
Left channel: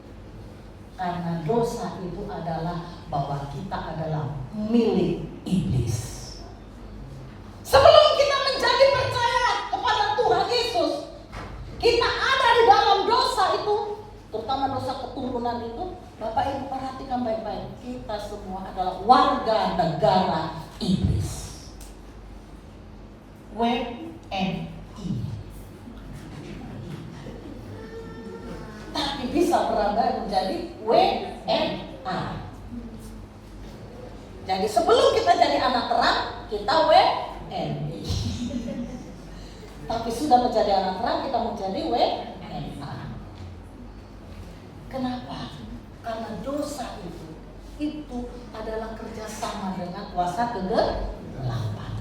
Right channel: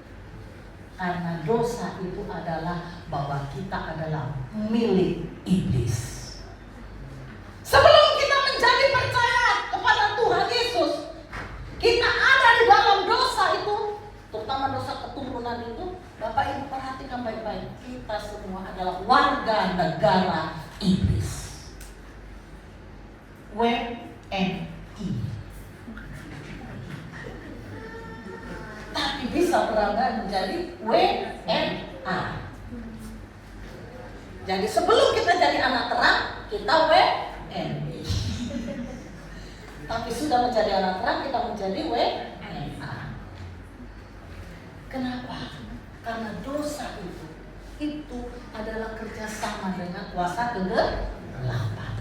Karena dosa itu adalah bahwa kita adalah milik iblis. Sebelum kita menjadi percaya kepada Tuhan Yesus, kita ada di dalam dosa itu, terutama dosa keturunan itu. Bapak Ibu perhatikan baik-baik, kita semua adalah warga negara iblis. WNI. Tapi bisa berangkat menjadi WNA. Jadi sebelum kita jadi anak terang, kita WNI. Tapi sudah menjadi anak terang, kita menjadi WNA. Kenapa? Karena dosa itu adalah kerjasama dengan kuasa kegelapan.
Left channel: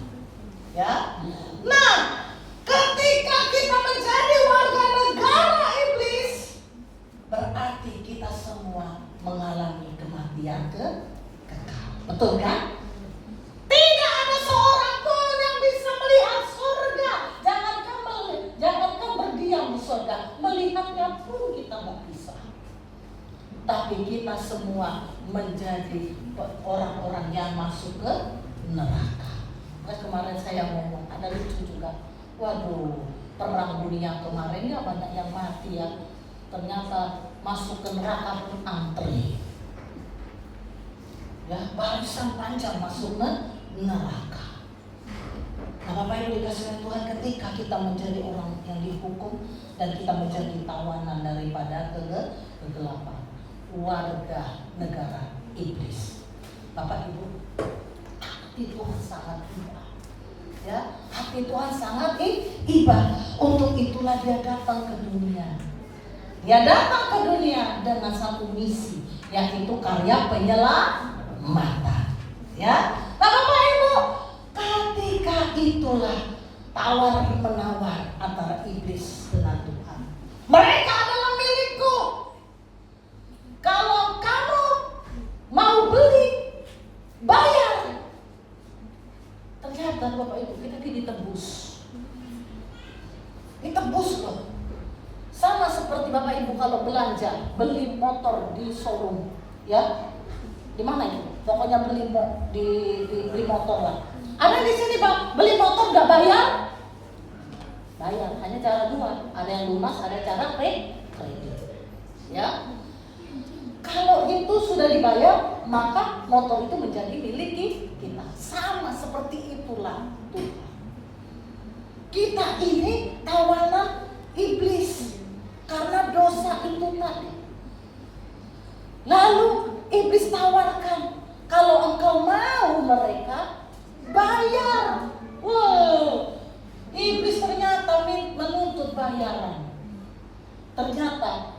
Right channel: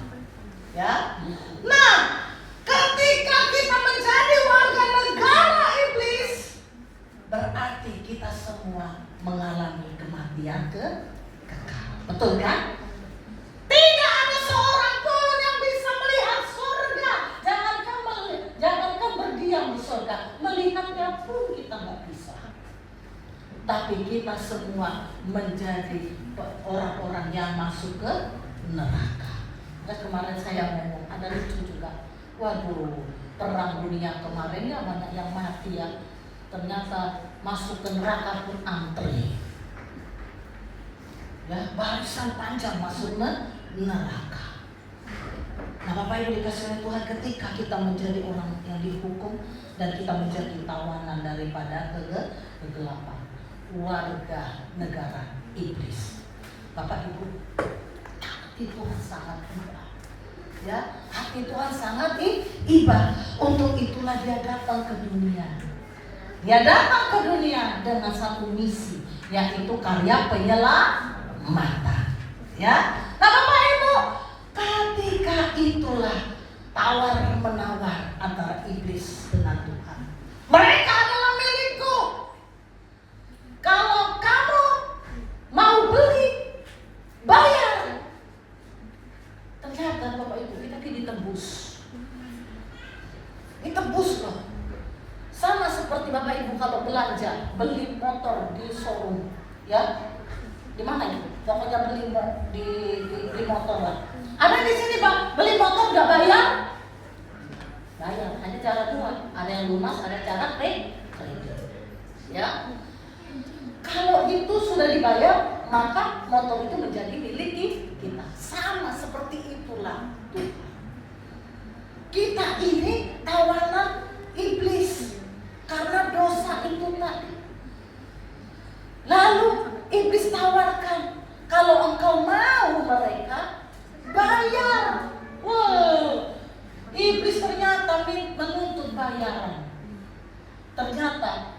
Betul kan? Tidak ada seorang pun yang bisa melihat surga. Jangankan berdiam di surga, melihatnya pun kita nggak bisa. Tapi kita semua menjadi orang-orang yang masuk ke neraka. Kemarin saya ngomong, ada lucu juga. Waduh, perang dunia kemarin ya banyak yang mati ya. Ternyata masuk ke neraka pun antri. Ya, barisan panjang masuk ke neraka. Nah, Bapak Ibu dikasih oleh Tuhan, ketika kita menjadi orang yang dihukum dan kita menjadi tawanan daripada kegelapan, warga negara iblis. Bapak Ibu, hati Tuhan sangat iba. Ya, hati Tuhan sangat iba. Untuk itulah Dia datang ke dunia. Dia datang ke dunia dengan satu misi, yaitu karya penyelamatan. Ya, nah Bapak Ibu, ketika itulah tawar menawar antara iblis dengan Tuhan. Mereka adalah milikku. Kalau kamu mau beli, bayar. Ternyata Bapak Ibu, kita ditebus. Ditebus loh. Sama seperti Bapak Ibu kalau belanja, beli motor di showroom, ya. Di mana itu? Pokoknya beli motor lah. Ada di sini Pak, beli motor nggak bayar? Bayar, hanya cara dua. Ada yang lunas, ada cara kredit. Ya. Kalau itu sudah dibayar, maka motor itu menjadi milik kita. Sama seperti itulah Tuhan. Kita ini tawanan iblis karena dosa itu tadi. Lalu iblis tawarkan, kalau engkau mau mereka bayar. Wow, iblis ternyata menuntut bayaran. Ternyata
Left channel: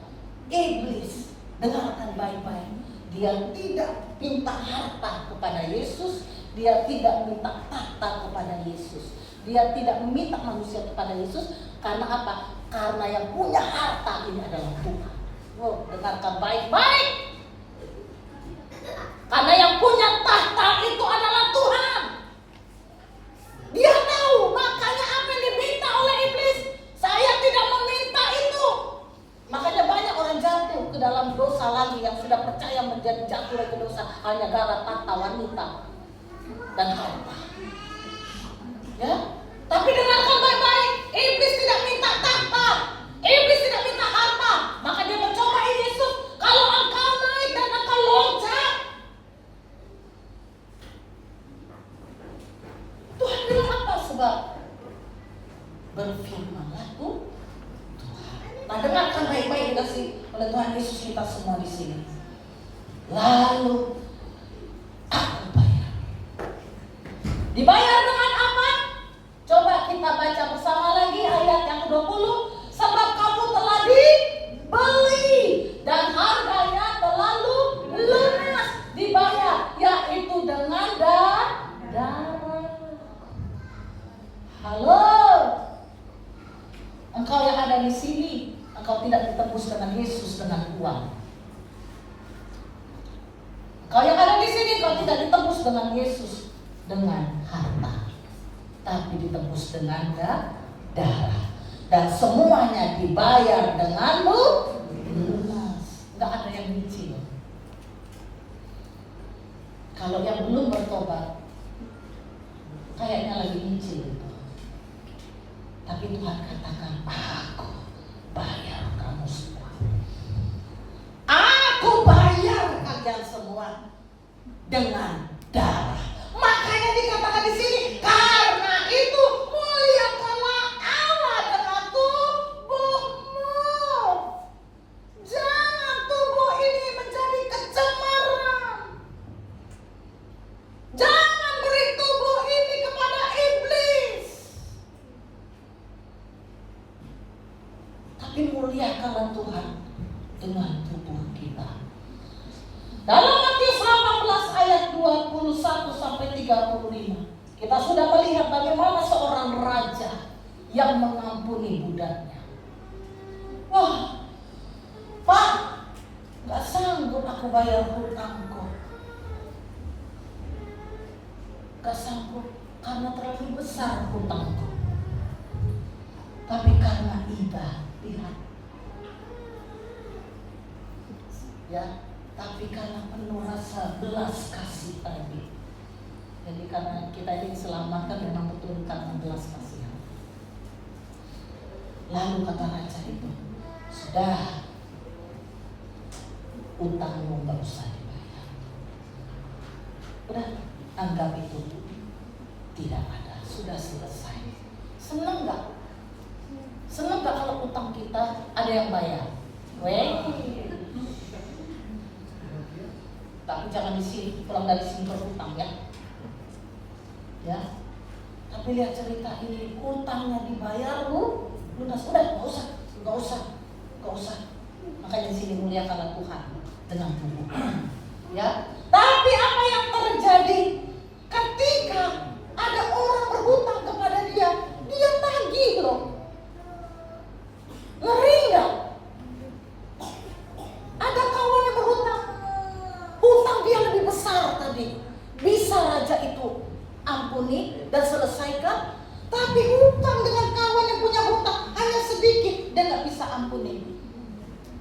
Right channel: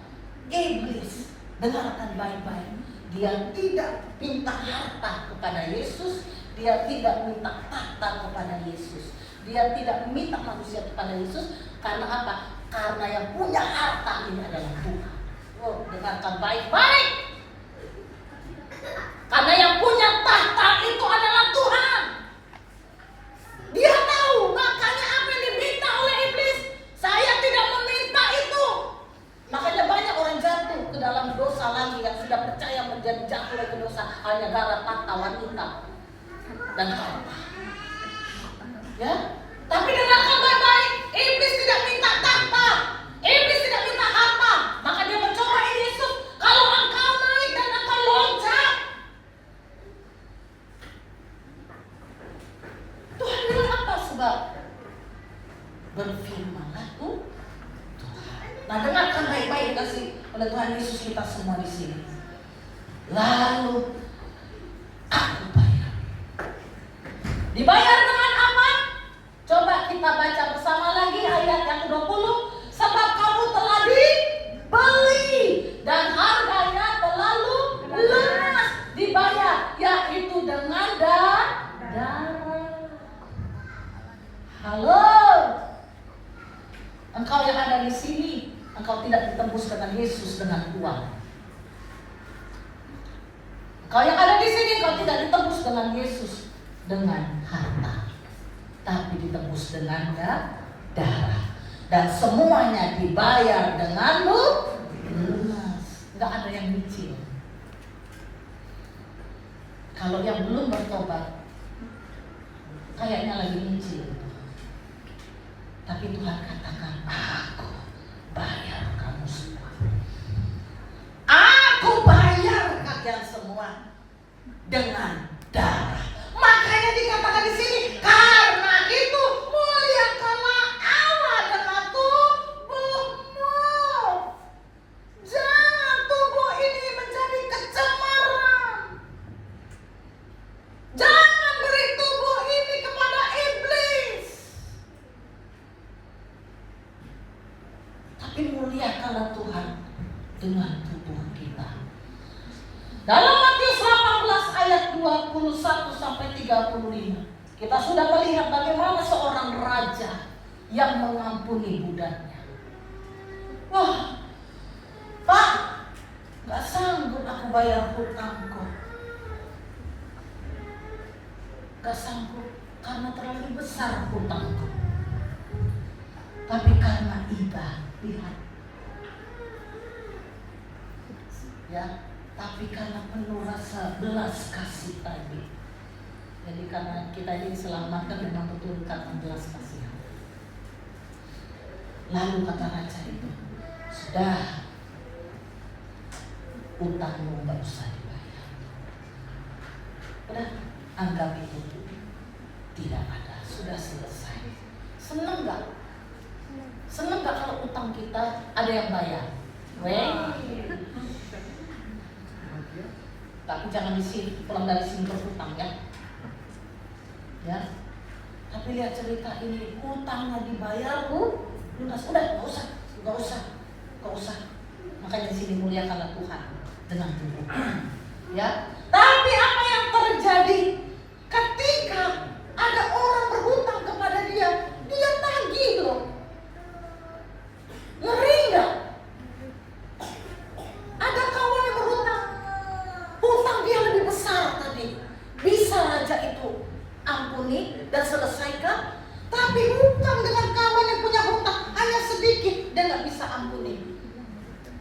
iblis, dengarkan baik-baik, dia tidak minta harta kepada Yesus, dia tidak minta tahta kepada Yesus, dia tidak meminta manusia kepada Yesus. Karena apa? Karena yang punya harta ini adalah Tuhan. Wow, dengarkan baik-baik. Karena yang punya tahta itu adalah Tuhan. Dia tahu, makanya apa yang diminta oleh iblis, saya tidak meminta itu. Makanya banyak orang jatuh ke dalam dosa lagi, yang sudah percaya menjadi jatuh ke dosa hanya gara tahta wanita dan harta. Ya, tapi dengarkan baik-baik, iblis tidak minta tahta, iblis tidak minta harta. Maka dia mencobai Yesus, kalau engkau naik dan engkau loncat. Tuhan bilang apa? Sebab berfirmanlah Tuhan. Nah, dengarkan baik-baik dikasih oleh Tuhan Yesus kita semua di sini. Lalu aku bayar. Dibayar dengan apa? Coba kita baca bersama lagi ayat yang 20. Sebab kamu telah dibeli dan harganya terlalu lunas dibayar, yaitu dengan darah. Halo, engkau yang ada di sini, engkau tidak ditebus dengan Yesus dengan uang. Engkau yang ada di sini, engkau tidak ditebus dengan Yesus dengan harta, tapi ditebus dengan darah. Dan semuanya dibayar dengan lunas. Tidak ada yang nyicil. Kalau yang belum bertobat, kayaknya lagi nyicil. Tapi Tuhan katakan, aku bayar kamu semua. Aku bayar kalian semua dengan darah. Makanya dikatakan di sini, karena itu muliakanlah Allah dengan tubuhmu. Jangan tubuh ini menjadi kecemaran. Jangan beri tubuh ini kepada iblis. Tapi muliakanlah Tuhan dengan tubuh kita. Dalam Matius 18 ayat 21 sampai 35, kita sudah melihat bagaimana seorang raja yang mengampuni budaknya. Wah, Pak, gak sanggup aku bayar hutangku. ya, tapi karena penuh rasa belas kasih tadi. Jadi karena kita ini diselamatkan dengan betul karena belas kasihan. Lalu kata raja itu, sudah, utangmu nggak usah dibayar. Udah, anggap itu tidak ada, sudah selesai. Seneng nggak? Seneng nggak kalau utang kita ada yang bayar? Tapi jangan di sini, pulang dari sini terus utang ya. Ya, tapi lihat cerita ini, utangnya dibayar lunas, udah nggak usah. Makanya di sini muliakanlah Tuhan dengan tubuh. Ya, tapi apa yang terjadi ketika ada orang berhutang kepada dia tagih loh. Ngeri nggak? Ada kawan yang berhutang, hutang dia lebih besar tadi. Bisa raja itu ampuni dan selesaikan, tapi hutang dengan kawan yang punya hutang hanya sedikit, dia nggak bisa ampuni.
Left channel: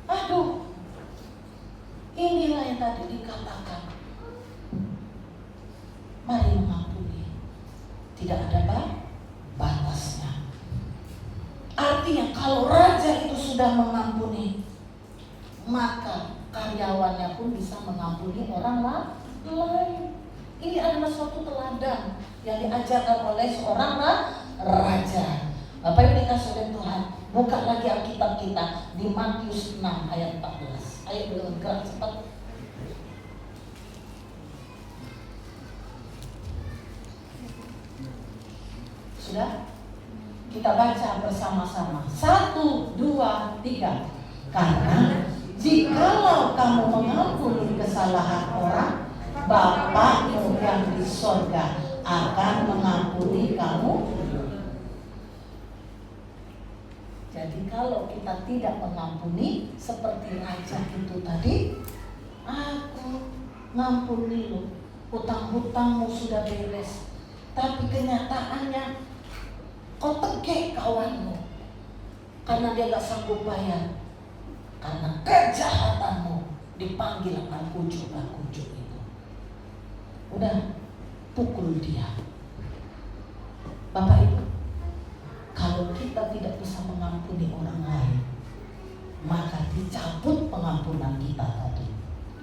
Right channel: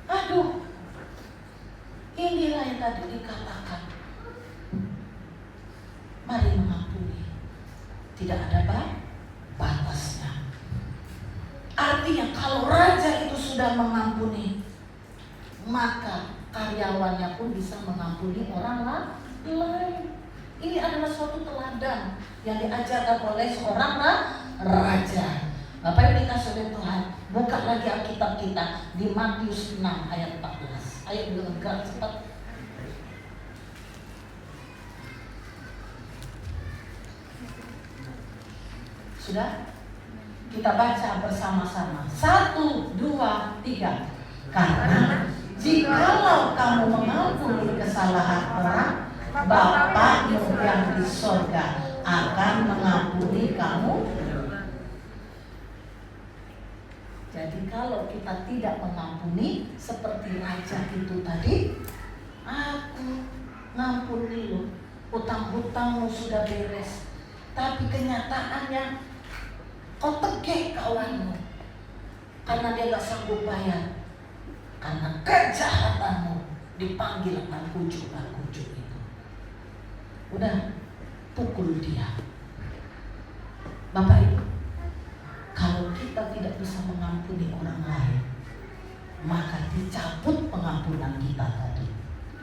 Aduh, inilah yang tadi dikatakan, mari mengampuni, tidak ada batasnya. Artinya kalau raja itu sudah mengampuni, maka karyawannya pun bisa mengampuni orang lain. Ini adalah suatu teladan yang diajarkan oleh seorang raja. Bapak Ibu dikasih oleh Tuhan, buka lagi Alkitab kita di Matius 6 ayat 14. Ayo bergerak cepat. Sudah? Kita baca bersama-sama. 1, 2, 3. Karena jikalau kamu mengampuni kesalahan orang, Bapakmu yang di sorga akan mengampuni kamu. Jadi kalau kita tidak mengampuni seperti raja itu tadi, aku ngampuni lu, utang-utangmu sudah beres, tapi kenyataannya kau tegek kawanmu karena dia gak sanggup bayar, karena kejahatanmu dipanggil ujuk itu. Udah, pukul dia. Bapak Ibu, kalau kita tidak bisa mengampuni orang lain, maka dicabut pengampunan kita tadi.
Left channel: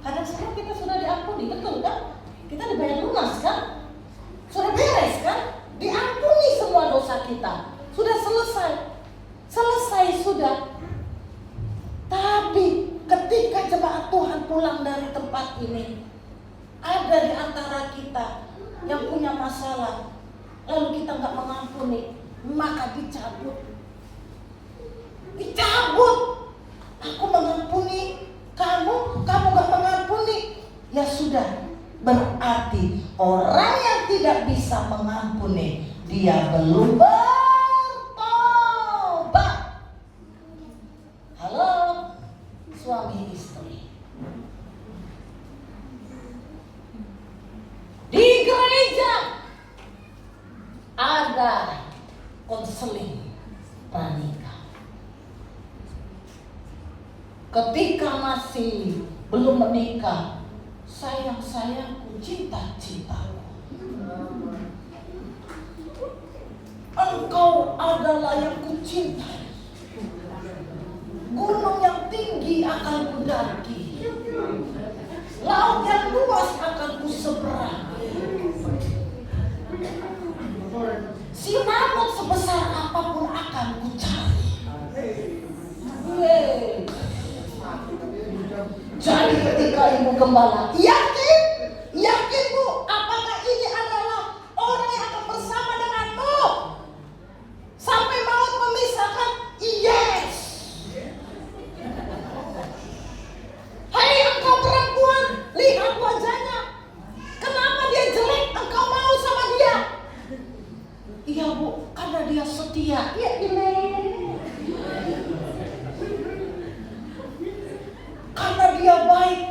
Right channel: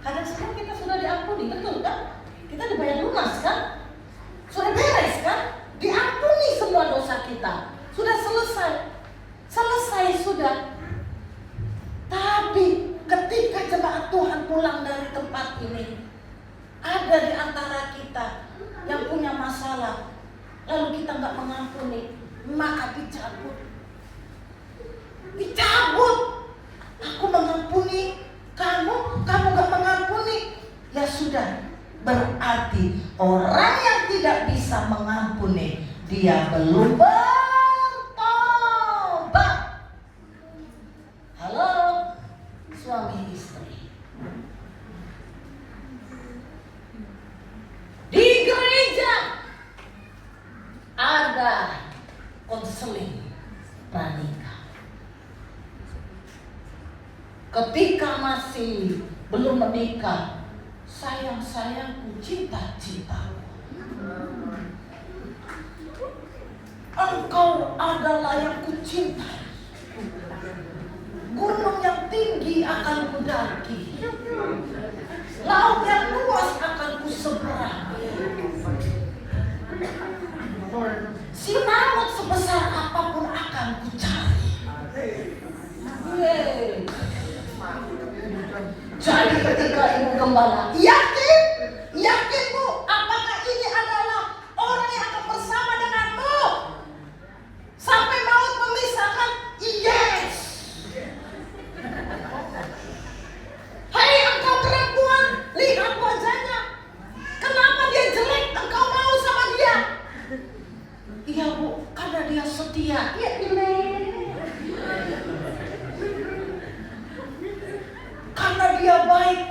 Karena sekarang kita sudah diampuni, betul kan? Kita dibayar lunas kan? Sudah beres kan? Diampuni semua dosa kita. Sudah selesai sudah. Tapi ketika jemaat Tuhan pulang dari tempat ini, ada di antara kita yang punya masalah, lalu kita nggak mengampuni, maka dicabut. Aku mengampuni kamu nggak mengampuni, ya sudah. Berarti orang yang tidak bisa mengampuni, dia belum bertobat. Halo, suami istri. Di gereja ada konseling pranikah. Ketika masih belum menikah, sayang-sayangku, cinta-cintaku, engkau adalah yang kucintai. Gunung yang tinggi akan kudaki, laut yang luas akan kuseberangi. Sinamut sebesar apapun akan kucari. Jadi ketika ibu gembala yakin bu, apakah ini adalah orang yang akan bersama denganmu sampai maut memisahkan? Yes. Hai engkau perempuan, lihat wajahnya, kenapa dia jelek, engkau mau sama dia? Iya bu, karena dia setia. Iya, karena dia baik.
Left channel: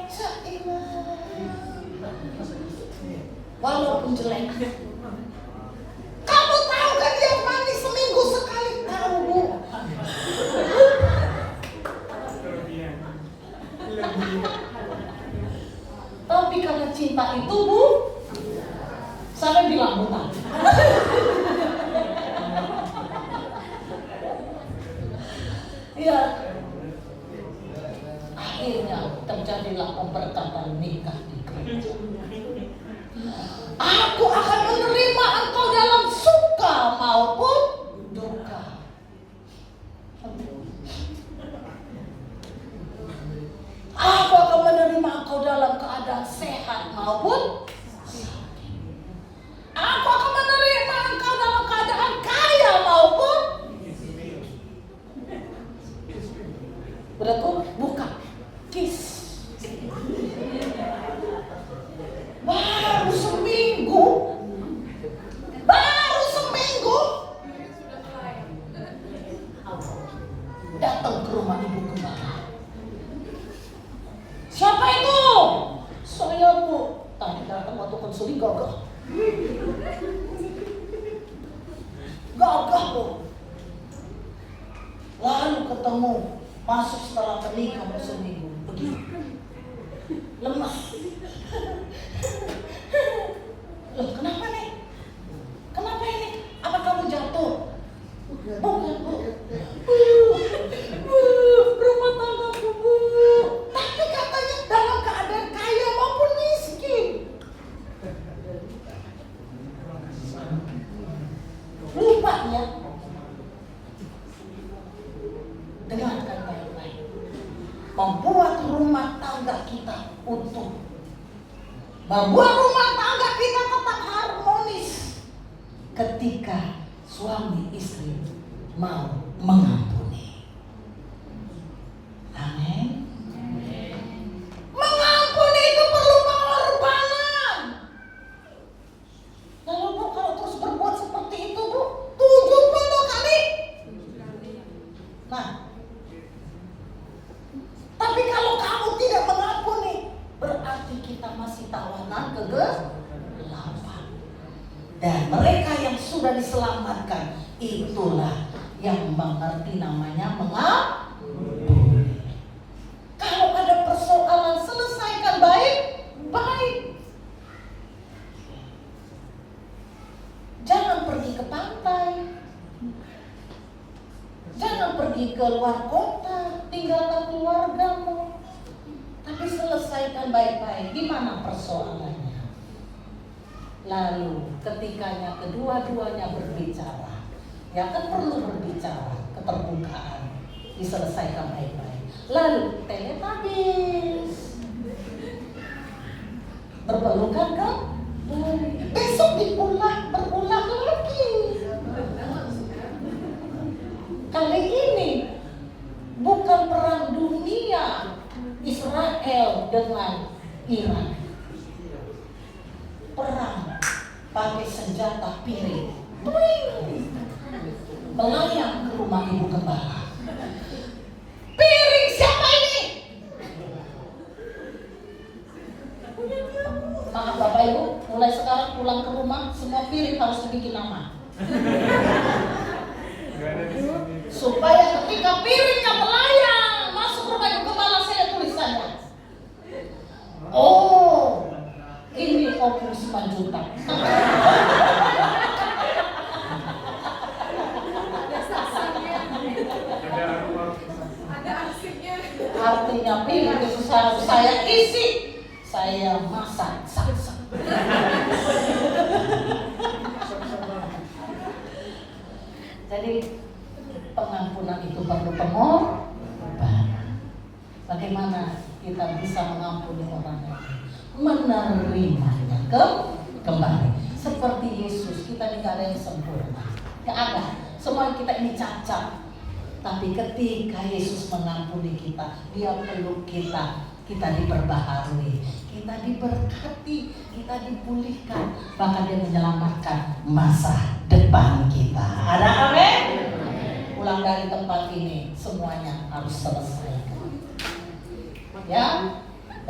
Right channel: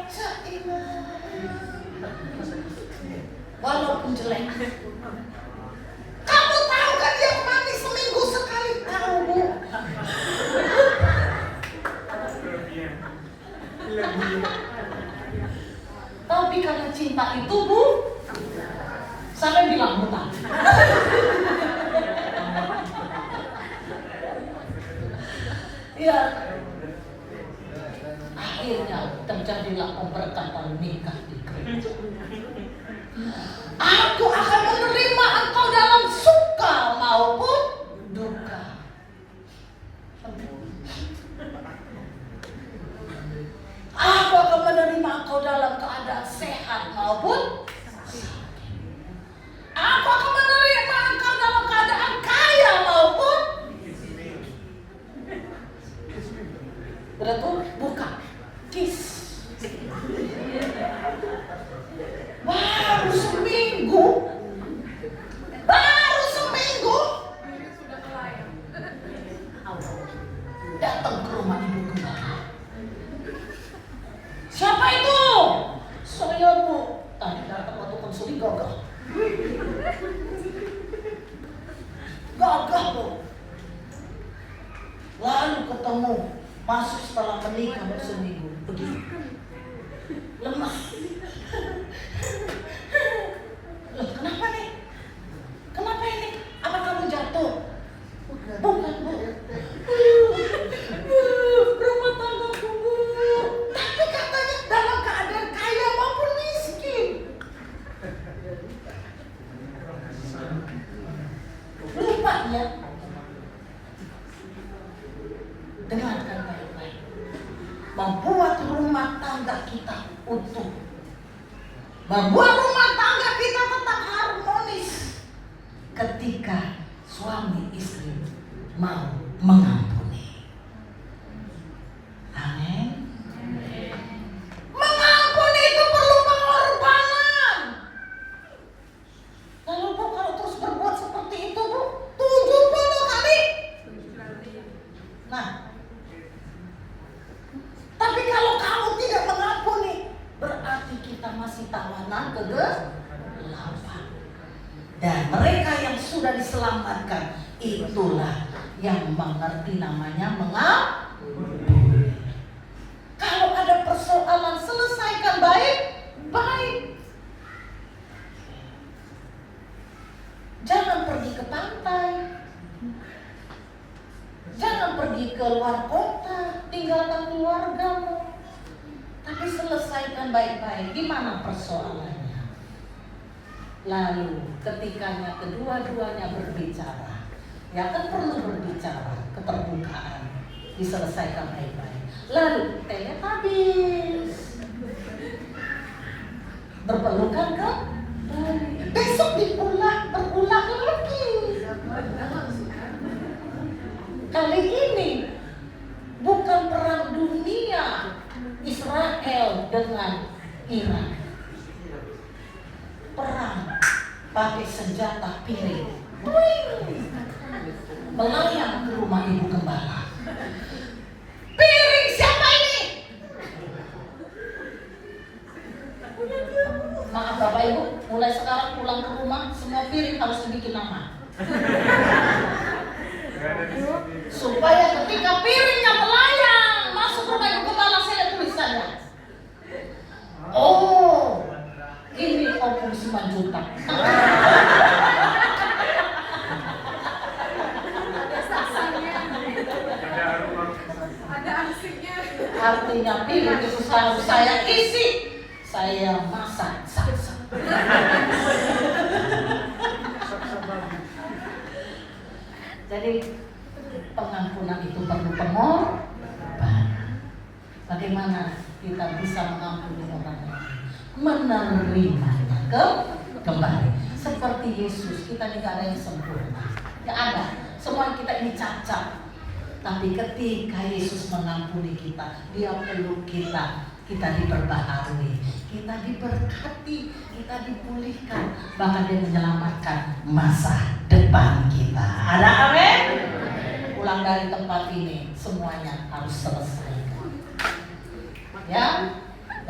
Walaupun jelek. Kamu tahu kan dia mandi seminggu sekali? Tahu bu. Tapi karena cinta itu Bu, saya bilang bukan. Ya, akhirnya terjadilah pemberkatan nikah di gereja. Aku akan menerima engkau dalam suka maupun duka. Aku akan menerima engkau dalam keadaan sehat maupun sakit. Aku akan menerima engkau dalam keadaan kaya maupun berarti bukan kis. Baru seminggu datang ke rumah ibu gembala. Siapa itu? Saya Bu. Tadi datang waktu konseling gagah. Gagah Bu. Lalu ketemu, masuk setelah pernikahan seminggu. Begitu. Lemah. Loh, kenapa nih? Kenapa ini? Apa kamu jatuh? Bukan Bu. Rumah tanggaku Bu. Tapi katanya dalam keadaan kaya maupun miskin. Lupa ya. Dengarkan baik-baik. Membuat rumah tangga kita utuh. Membuat rumah tangga kita tetap harmonis ketika suami istri mau mengampuni. Amin. Mengampuni itu perlu pengorbanan. Lalu Bu, kalau terus berbuat seperti itu Bu, 70 kali. Nah, tapi kalau kamu tidak mengampuni, berarti kita masih tawanan kegelapan. Dan mereka yang sudah diselamatkan, itulah yang mengerti namanya mengampuni. Kalau ada persoalan, selesaikan baik-baik. Jangan pergi ke pantai. Jangan pergi ke luar kota, tinggalkan keluargamu. Tapi selesaikan baik-baik. Di mana persoalannya? Lalu ketikanya kedua-duanya berbicara, ya kan perlu berbicara, keterbukaan, diselesaikan baik-baik. Lalu teletabis, berpelukan kan? Besok berulang lagi. Kali ini bukan perang dunia Israel dengan Iran. Perang pakai senjata piring. Melayang ke rumah ibu gembala. Piring siapa ini? Maaf Bapak Ibu, mulai sekarang pulang ke rumah semua piring harus dibikin nama. Supaya ketika piringnya melayang masuk rumah ibu gembala, saya ada tulisannya. Oh, ini Om 9 juta. Ada aksinya. Artinya piring itu selalu saya isi, saya masak. Jadi pengampunan itu perlu pengorbanan. Bagaimana kita bisa mengampuni orang lain? Menerimanya kembali. Seperti Yesus, kita ini gak ada yang sempurna. Gak ada. Semua kita ini cacat. Tapi ketika Yesus mengampuni kita, Dia peluk kita, kita diperbaharui, kita diberkati, kita dipulihkan, bahkan Dia menyelamatkan masa depan kita. Ada amin? Pulang dari tempat ini, semuanya harus selesai. Ya,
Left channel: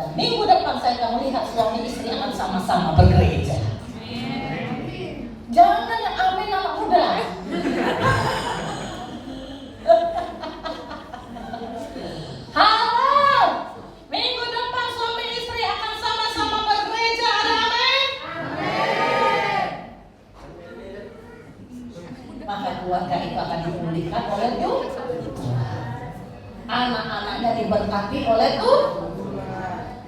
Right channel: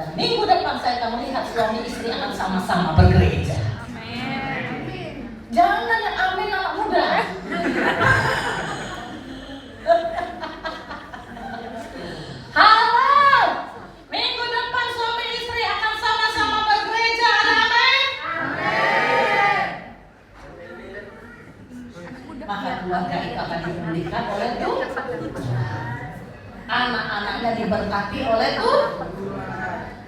dan minggu depan saya akan melihat suami istri akan sama-sama bergereja. Jangan yang amin anak muda. Halo, minggu depan suami istri akan sama-sama bergereja. diberkati oleh Tuhan,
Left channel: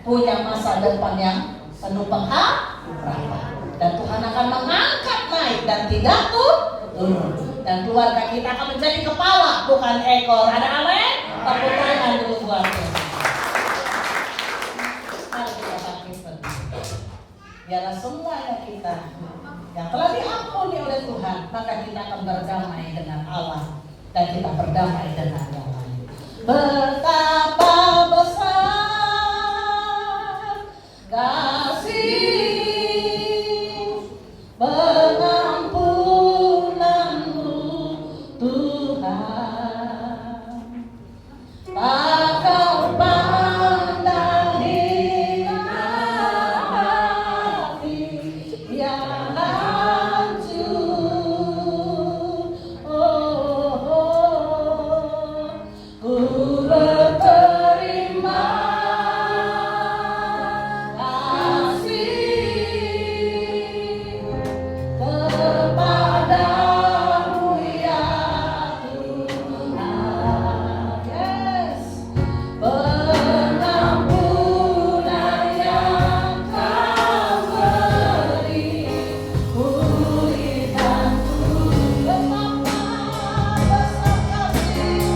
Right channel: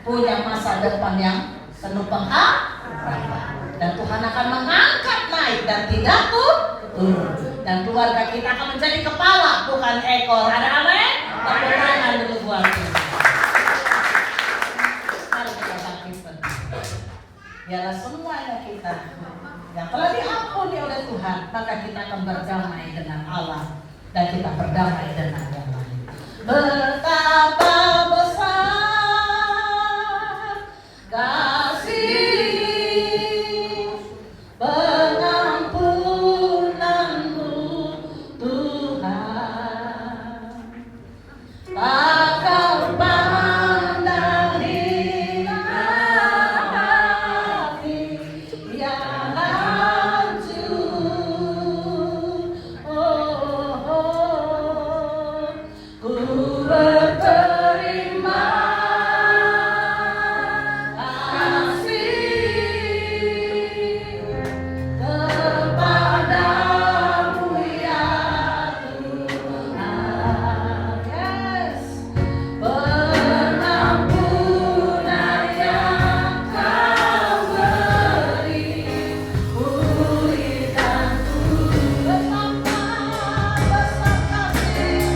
punya masa depan yang penuh pengharapan, dan Tuhan akan mengangkat naik dan tidak turun, dan keluarga kita akan menjadi kepala bukan ekor. Ada amin? Tepuk tangan dulu buat Tuhan. Mari kita bangkit berdiri. Biarlah semuanya kita yang telah diampuni oleh Tuhan, maka kita akan berdamai dengan Allah dan kita berdamai dengan yang lain. Betapa besar kasih pengampunanmu Tuhan, takkan pandang hina hati yang hancur. Ku berterima kasih kepadamu ya Tuhan. Yes. Pengampunan yang Kau beri, pulih dan betapa besar kasih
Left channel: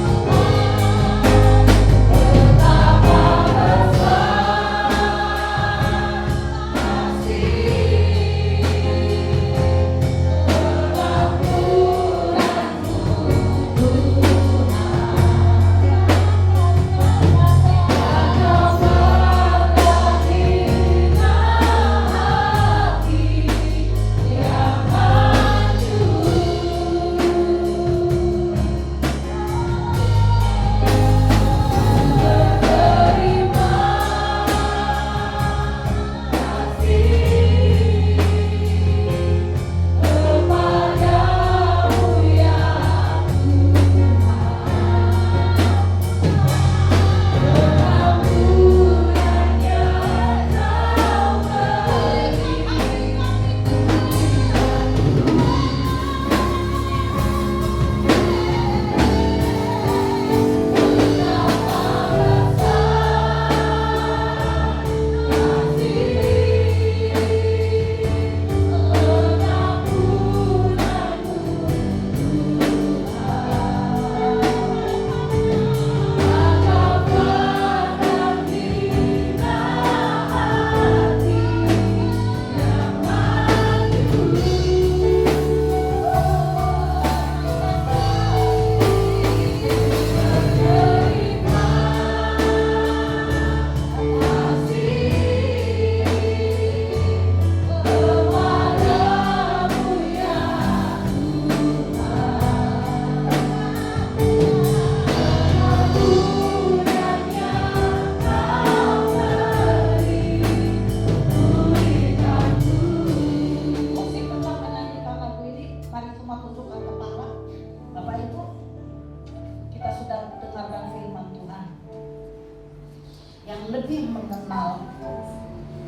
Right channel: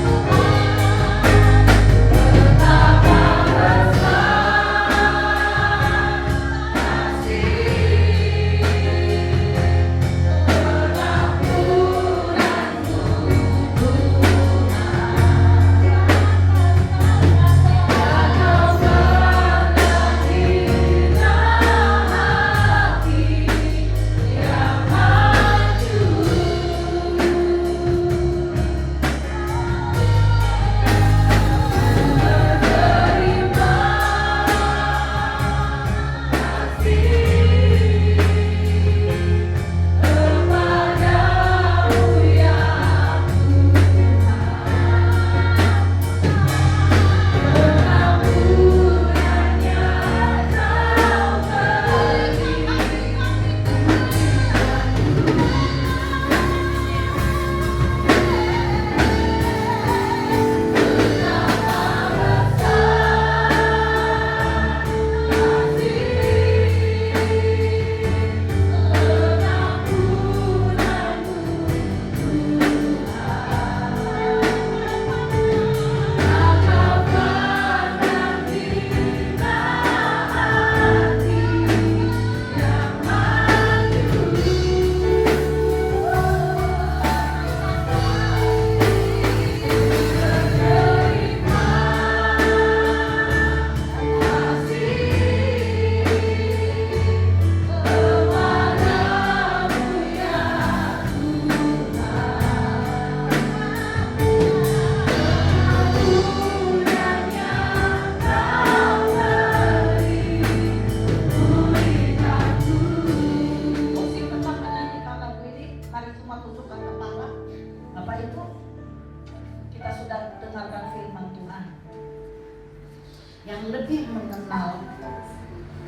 lebih mengenal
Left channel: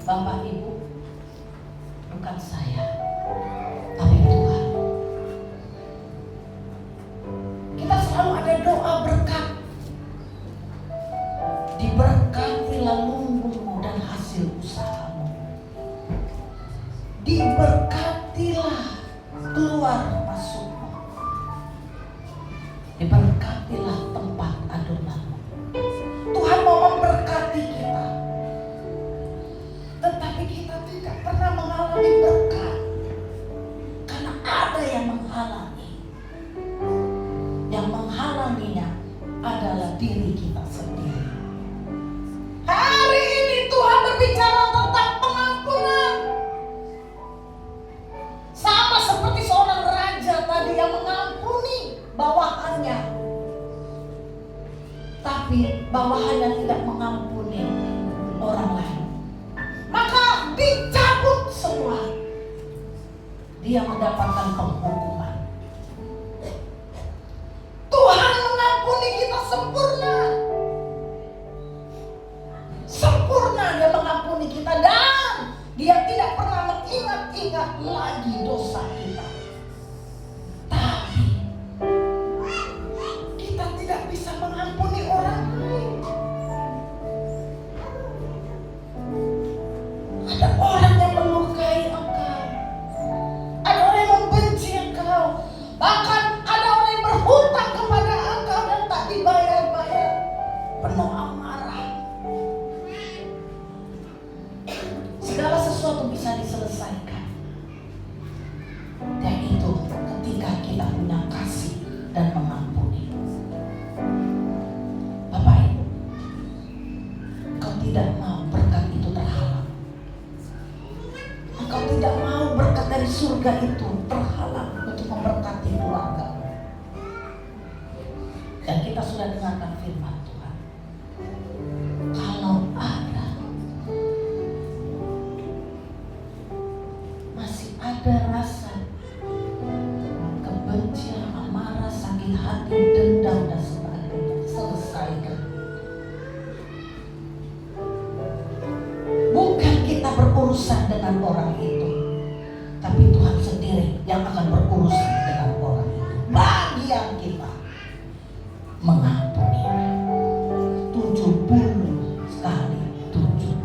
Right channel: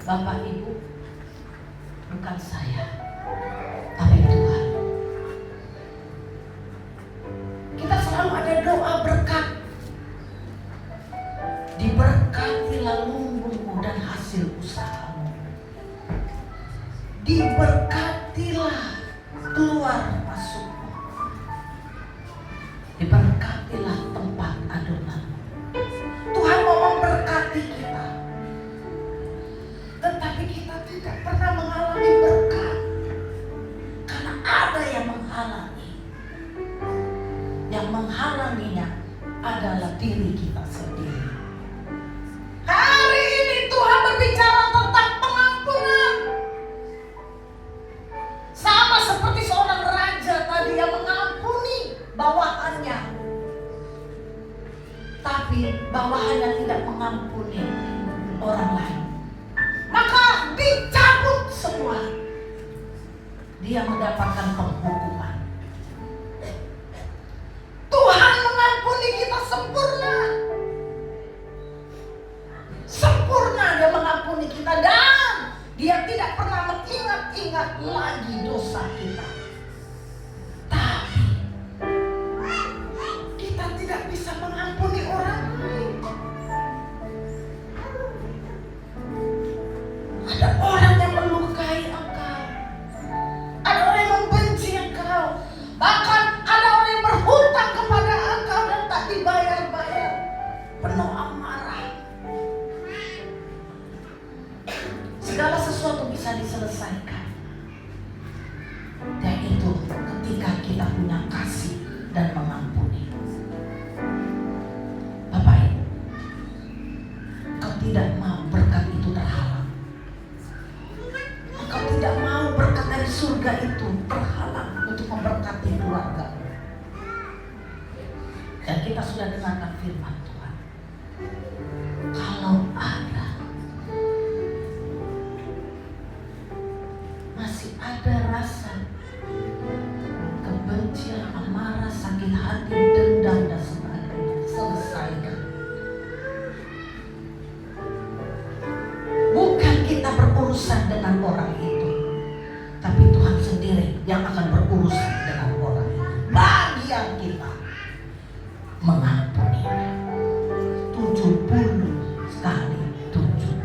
Bapak Ibu bukan saya, tapi Tuhan. Kita selalu ada doa berkat. Diberkatilah lumbungmu dan hasil usahamu. Diberkatilah keluar masukmu. Diberkatilah tempat adonanmu. Tuhan mau memberkati kita, tetapi kita tidak pernah mengalami berkat karena ada yang menghalangi. Yang menghalanginya adalah diri kita sendiri. Hari ini Tuhan berbicara tentang pengampunan. Sama seperti seorang raja tadi yang mengampuni bawahannya, tapi bawahannya tidak mengampuni orang lain, maka dicabut semua. Dia mendapatkan penghukuman. Tuhan mengampuni kita sempurna. Sempurna Dia mengampuni kita, dan Dia tidak pernah mengingat-ingat lagi dosa kita. Tapi kita tidak bisa mengampuni orang lain. Ada orang yang melukai engkau. Ada orang yang membenci engkau. Bahkan ada orang yang berhutang kepada engkau dan tak dibayar-bayar. Penuh amarah. Segala sesuatu bisa diselesaikan. Dan itu ketika kita punya kasih dan mengampuni. Bapak Ibu, engkau tidak mau berkat itu terhalang. Engkau tidak mau berkat dari surga itu terhalang untuk memberkati keluarga. Dan kita sudah dengarkan firman Tuhan. Kalau masih ada rasa kebencian, amarah, sakit hati, dendam dan sebagainya, selesaikan. Bukan kita berurusan dengan orang itu, tapi Tuhan sendiri yang akan berurusan dengan orang itu. Bagian kita mengampuni 70 kali 7.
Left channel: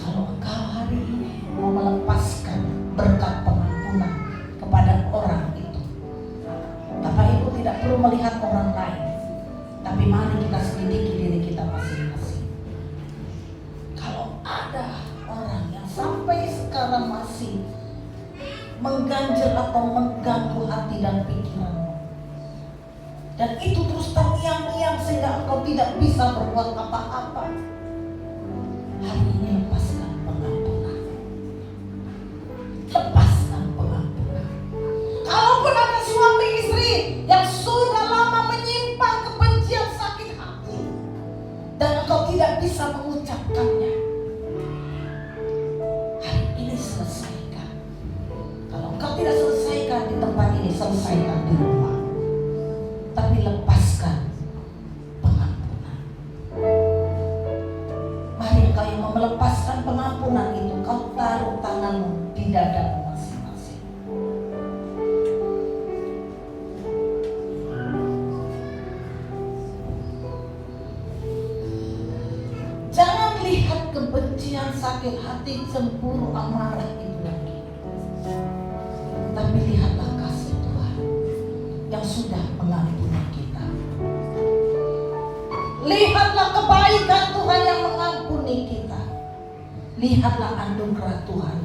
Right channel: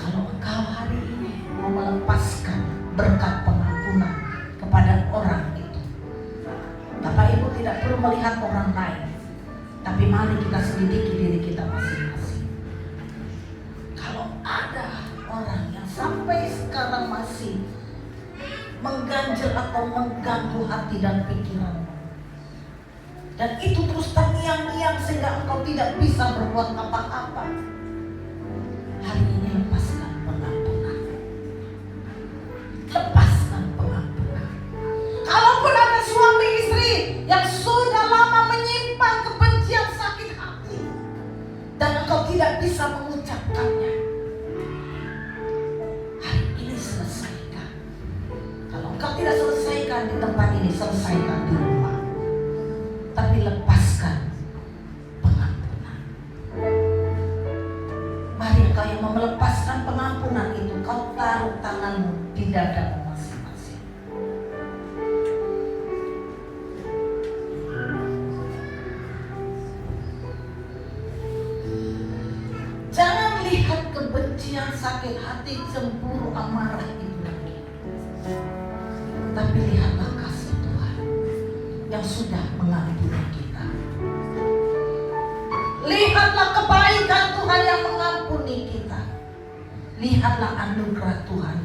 Kalau engkau hari ini mau melepaskan berkat pengampunan kepada orang itu, Bapak Ibu tidak perlu melihat orang lain, tapi mari kita selidiki diri kita masing-masing. Kalau ada orang yang sampai sekarang masih mengganjil atau mengganggu hati dan pikiran, dan itu terus terngiang-ngiang sehingga engkau tidak bisa berbuat apa-apa, hari ini lepaskan pengampunan. Lepaskan pengampunan. Kalaupun ada suami istri yang sudah lama menyimpan kebencian, sakit hati, dan engkau tidak bisa mengucapkannya, hari ini selesaikan. Kalau engkau tidak selesaikan di tempat ini, selesaikan di rumah. Tapi lepaskan pengampunan. Mari engkau yang mau melepaskan pengampunan itu, kau taruh tanganmu di dadamu masing-masing. Jangan lihat kebencian, sakit hati, cemburu, amarah itu lagi. Tapi lihatlah kasih Tuhan yang sudah mengampuni kita. Lihatlah kebaikan Tuhan yang mengampuni kita. Lihatlah anugerah Tuhan